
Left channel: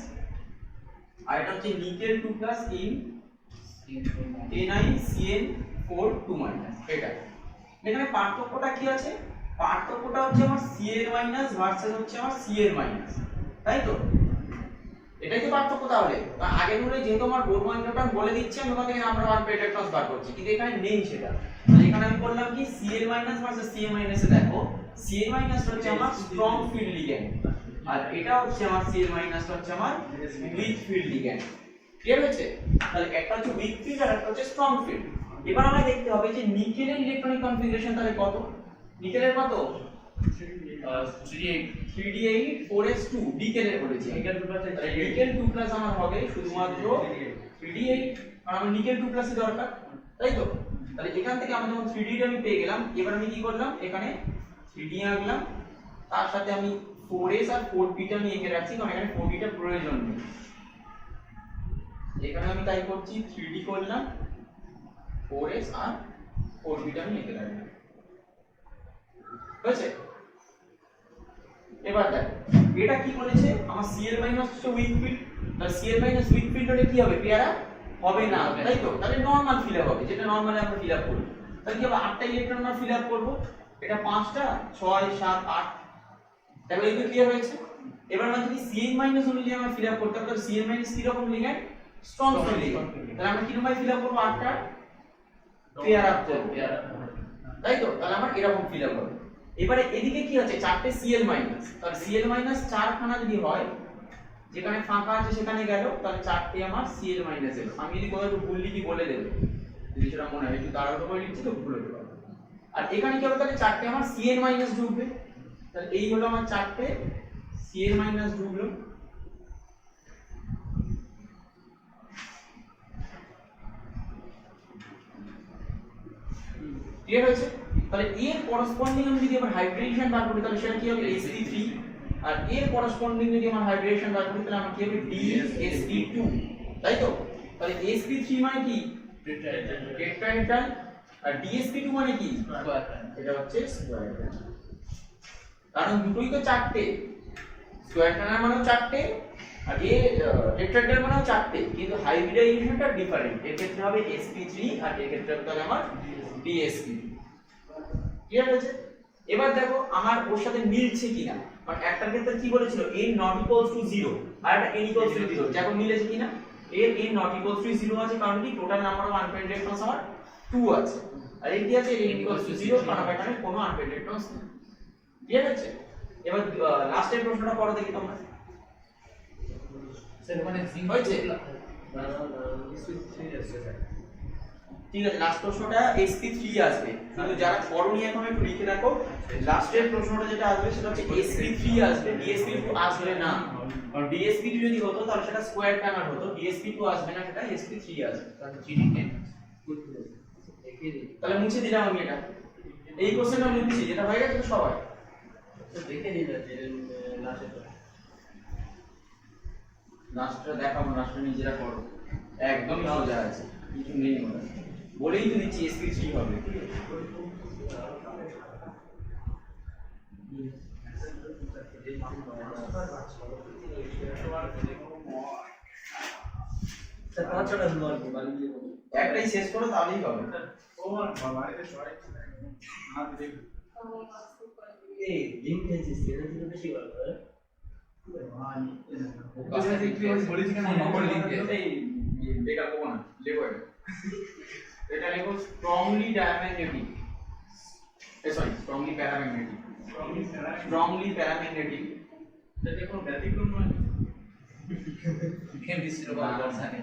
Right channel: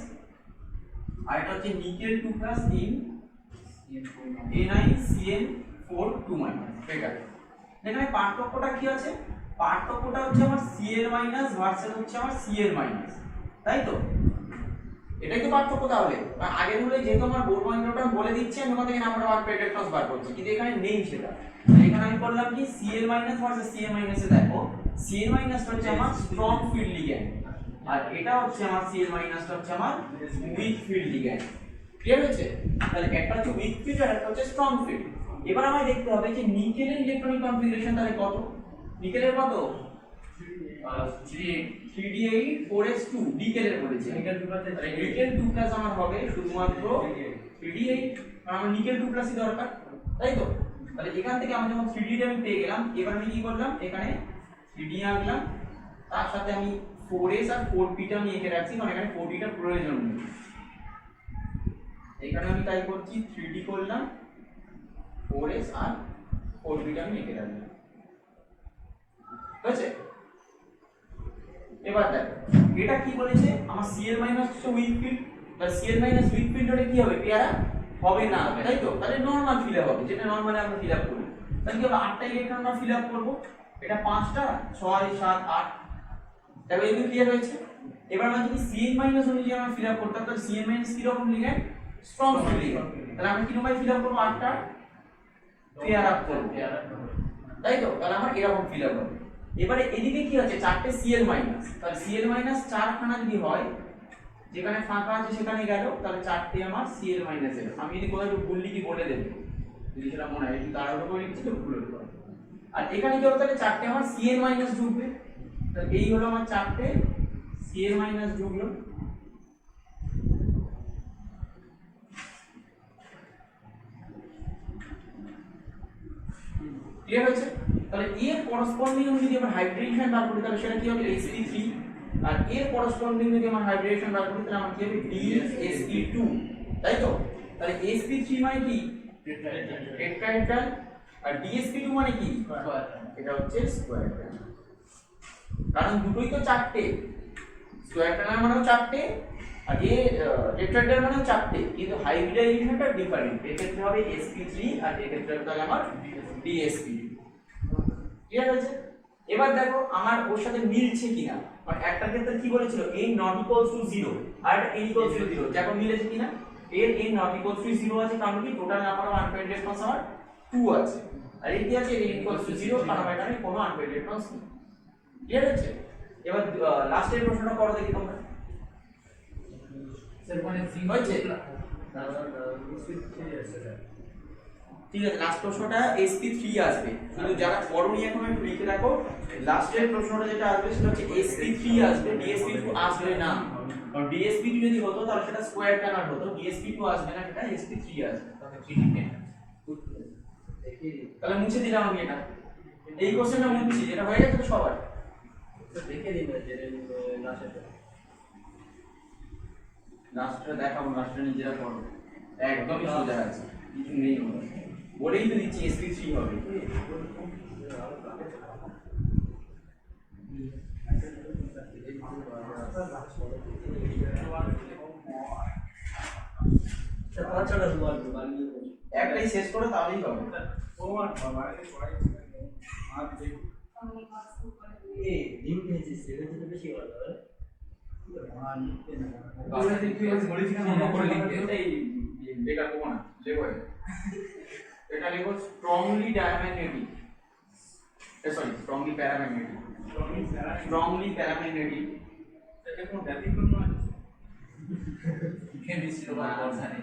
আর এটা হচ্ছে nickel 2 plus in NiCl4 2 minus. এটা এখানে পার্থক্যটা কি আছে, পার্থক্যটা হচ্ছে আমার Cl মাইনাস ভার্সেস হচ্ছে আমার Cl মাইনাস, তাই তো? এটাই তো পার্থক্য। তাহলে আগের রুলে যেহেতু আমার বোর ম্যাগনেটন বলে দিচ্ছে, আমি ওখান থেকে নাম্বার ওয়ান পেটেক্টস বার করছি, কিন্তু এখানে নেই সেটা। এখানে আমি করলাম কি, Cl minus versus Cl minus এ দেখো, Cl মাইনাস হচ্ছে আমার স্ট্রং ফিল্ড লিগ্যান্ড, আর এটা হচ্ছে আমার Cl মাইনাস হচ্ছে আমার উইক ফিল্ড লিগ্যান্ড। ক্লিয়ার হয়েছে? তাহলে একটা হচ্ছে উইক ফিল্ড আর একটা হচ্ছে স্ট্রং ফিল্ড। এবার আমায় দেখতে হবে যে নিকেলের ইলেকট্রনিক কনফিগারেশন তাহলে কত, নিকেলের কত 3d8 4s2 ডিকেলের বলেছি, নিকেল 2 প্লাস, তাহলে নিকেল 2 প্লাস আমার হবে শুধুমাত্র 3d8, কারণ আমার নিকেল 2 প্লাসই দরকার, তাই তো? তাহলে এখান থেকে আমি যখন 3d আমি পেয়ে গেলাম, এবার আমি কি করলাম, এখানে 3d আঁকলাম, তার সাথে আমি 4s আর 4p টা আমি এঁকে রাখছি, কারণ এখানে 4d টা প্রয়োজন নেই। এখানে আমি তাই করছি, 3d করলাম, 4s আর 4p টা আমি এঁকে রাখলাম, হয়েছে? এবার দেখ এটা কি বলেছে, আমার Cl মাইনাস হচ্ছে উইক ফিল্ড, তাহলে Cl মাইনাস উইক ফিল্ড হলে কি হবে, পেয়ারা হবে না, তাই তো? তাহলে নরমাল ফিল আপ হবে, যেটা নরমালি আমরা ফিল আপ করি। তাহলে কি হবে, 8টা ইলেকট্রন আমরা ফিল আপ করব, এটা 5টা 6 7 8, তাহলে এই ক্লিয়ার হয়েছে। এবার আমরা যদি Cl মাইনাস অনুযায়ী আমরা ফিল আপ করতে হবে, তাহলে Cl মাইনাস কি রকম লিগ্যান্ড, স্ট্রং ফিল্ড লিগ্যান্ড, তাহলে আমরা কি রকম ফিল আপ করব, 8টা পেয়ার আপ করব, তাই তো? তাহলে আমার এরকম ফিল আপ হবে। এবারে এদিকে কি আছে, 4টে Cl মাইনাস, তাহলে Cl মাইনাস 4 খানা যদি হয়, যেখানে ফাঁকা আছে সেখানে গেল, তাহলে 4টে আমার Cl মাইনাস এলো। আমি যদি কোথাও একটু ভুল লিখি বলে দেব, যদি সেটা মনে হয়, একটু তাড়াহুড়ো করে লিখছি তো ভুল হতে পারে। আর এখানে কি হবে, তাহলে 4টে আমার Cl মাইনাস ঢুকবে, তাহলে এই হলো আমার 4টে Cl মাইনাস ঢুকলো। ক্লিয়ার হয়েছে? তাহলে এর করসপন্ডিং আমি যদি আমার হাইব্রিডেশন বার করি, তাহলে সেটা কি হবে, sp3, আর এর করসপন্ডিং যদি আমার হাইব্রিডেশন বার করি, তাহলে আমার কি হবে, dsp2, তাই তো? তাহলে sp3 মানে কি, টেট্রাহেড্রাল, আর dsp2 মানে কি, এটা হচ্ছে স্কয়ার হেড্রাল, কারণ দুটোই তো 4টে, স্কয়ার হেড্রাল মানেও 4টে, আর এ টেট্রাহেড্রাল মানেও 4টে, কিন্তু হাইব্রিডাইজেশনটা ডিফারেন্ট, এর ক্ষেত্রে হবে sp3 আর এর ক্ষেত্রে হবে তাহলে আমার dsp2। ক্লিয়ার হয়েছে? এবার দেখো আমার ওর সাথে মিলছে কিনা, মানে একটার ক্ষেত্রে কি বলেছিল, n not equals to 0, আর একটা n equals to 0, দেখো মিলেছে কিনা, এর n not equals to 0 আছে, কারণ কি total number of unpaid electrons আমার 2 আছে, আর এই কি আছে, n equals to 0, কারণ এখানে কোনো আনপেইড ইলেকট্রনস নেই। ক্লিয়ার হচ্ছে? এবার লাস্টের প্রশ্নটা করো দেখি তোমরা, স্যার মানে জিঙ্ক হয়েছে? স্যার ঠিক আছে, লাস্ট প্রশ্নটা sp3 আসবে, কিন্তু যারা করোনি এখন একটু লিখে রাখো, লাস্টের প্রশ্নটা যেটা আসবে সেটা হচ্ছে sp3 আসবে, dsp2 আসবে না, কারণ dsp2 যদি হতো তাহলে সেটা স্কয়ার টানার হতো, dsp2 আসবে না, সেটা sp3 আসবে। তাহলে মুছে দিলাম আমি এটা, এই কোশ্চেনটা মুছছি, যেটা হয়ে গেছে তো সবার দেখে নিন যে লাস্টটা দেখাবো, লাস্টটা নিজেরা করো, একদমই সোজা আছে, কিছু নেই ওটা, বলেই তো দিচ্ছি sp3 হবে। স্যার 5টা বল বানিয়ে বল, একটাই শেষ করো তাহলেই হবে। এই লিংক খেয়েছিস সেটা তো বেশি ভালো হয়। এই বেকার করবো না, লেবো এটা Livo strongly diamagnetic, sorry strongly paramagnetic. Strongly paramagnetic এটা কোনো ব্যতিক্রম নয় কেমিস্ট্রি বা বর্ষানে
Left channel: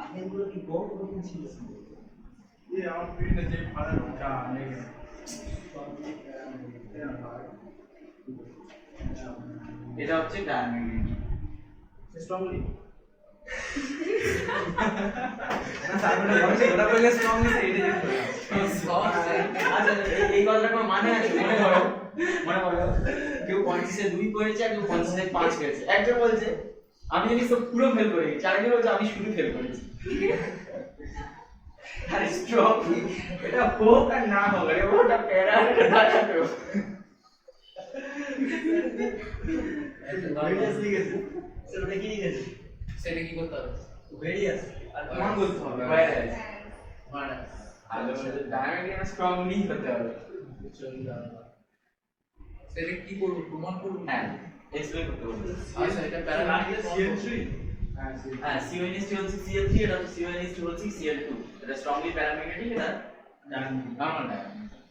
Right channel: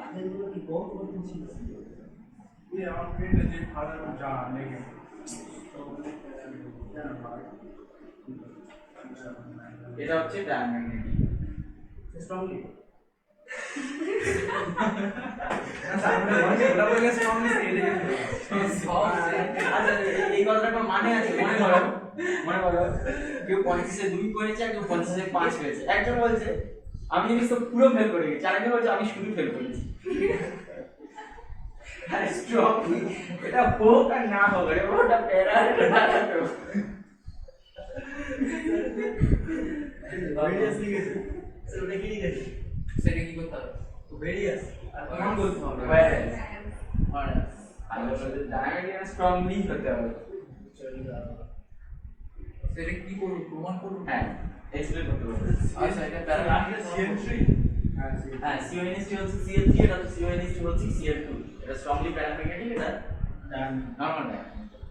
আগেরগুলো কি কম কঠিন ছিল? এই আমার পেটে যে ফাড়ার যা লেগে এটা হচ্ছে প্যারাম্যাগনেটিক। স্ট্রংলি ওটা বলে স্ট্রংলি এটা আচ্ছা এই কথাটা কোনো মানে আছে? মনে করো কেউ 25-এ 2 পেয়েছে আর কেউ 25-এ 5 পেয়েছে। একজন বলছে আমি জানিস তো পুরো ফেল করে গেছি, আরেকজন বলছে আমি শুধু ফেল করেছি। আরে স্ট্রংলি এটা হোক আর না হোক, আরে ওটা প্যারা ভেরিয়াস লিখেছে। স্যার ওটা কি লিখেছে? সেটা কি করতে হবে ভেরিয়াস আর প্রমাণ করতে হবে মানে ডায়ামিটার স্ট্রংলি হতে হবে। সেটা কি করব প্রমাণ করব হ্যাঁ এক্সপ্লেন করতে বলতে। আচ্ছা এটা প্যারামিটার হ্যাঁ CONS2 হচ্ছে Cl3, এটা হচ্ছে CONS2 হচ্ছে Cl2। এটা স্ট্রংলি প্যারাম্যাগনেটিক, এটা নরমাল ডায়ামিটার।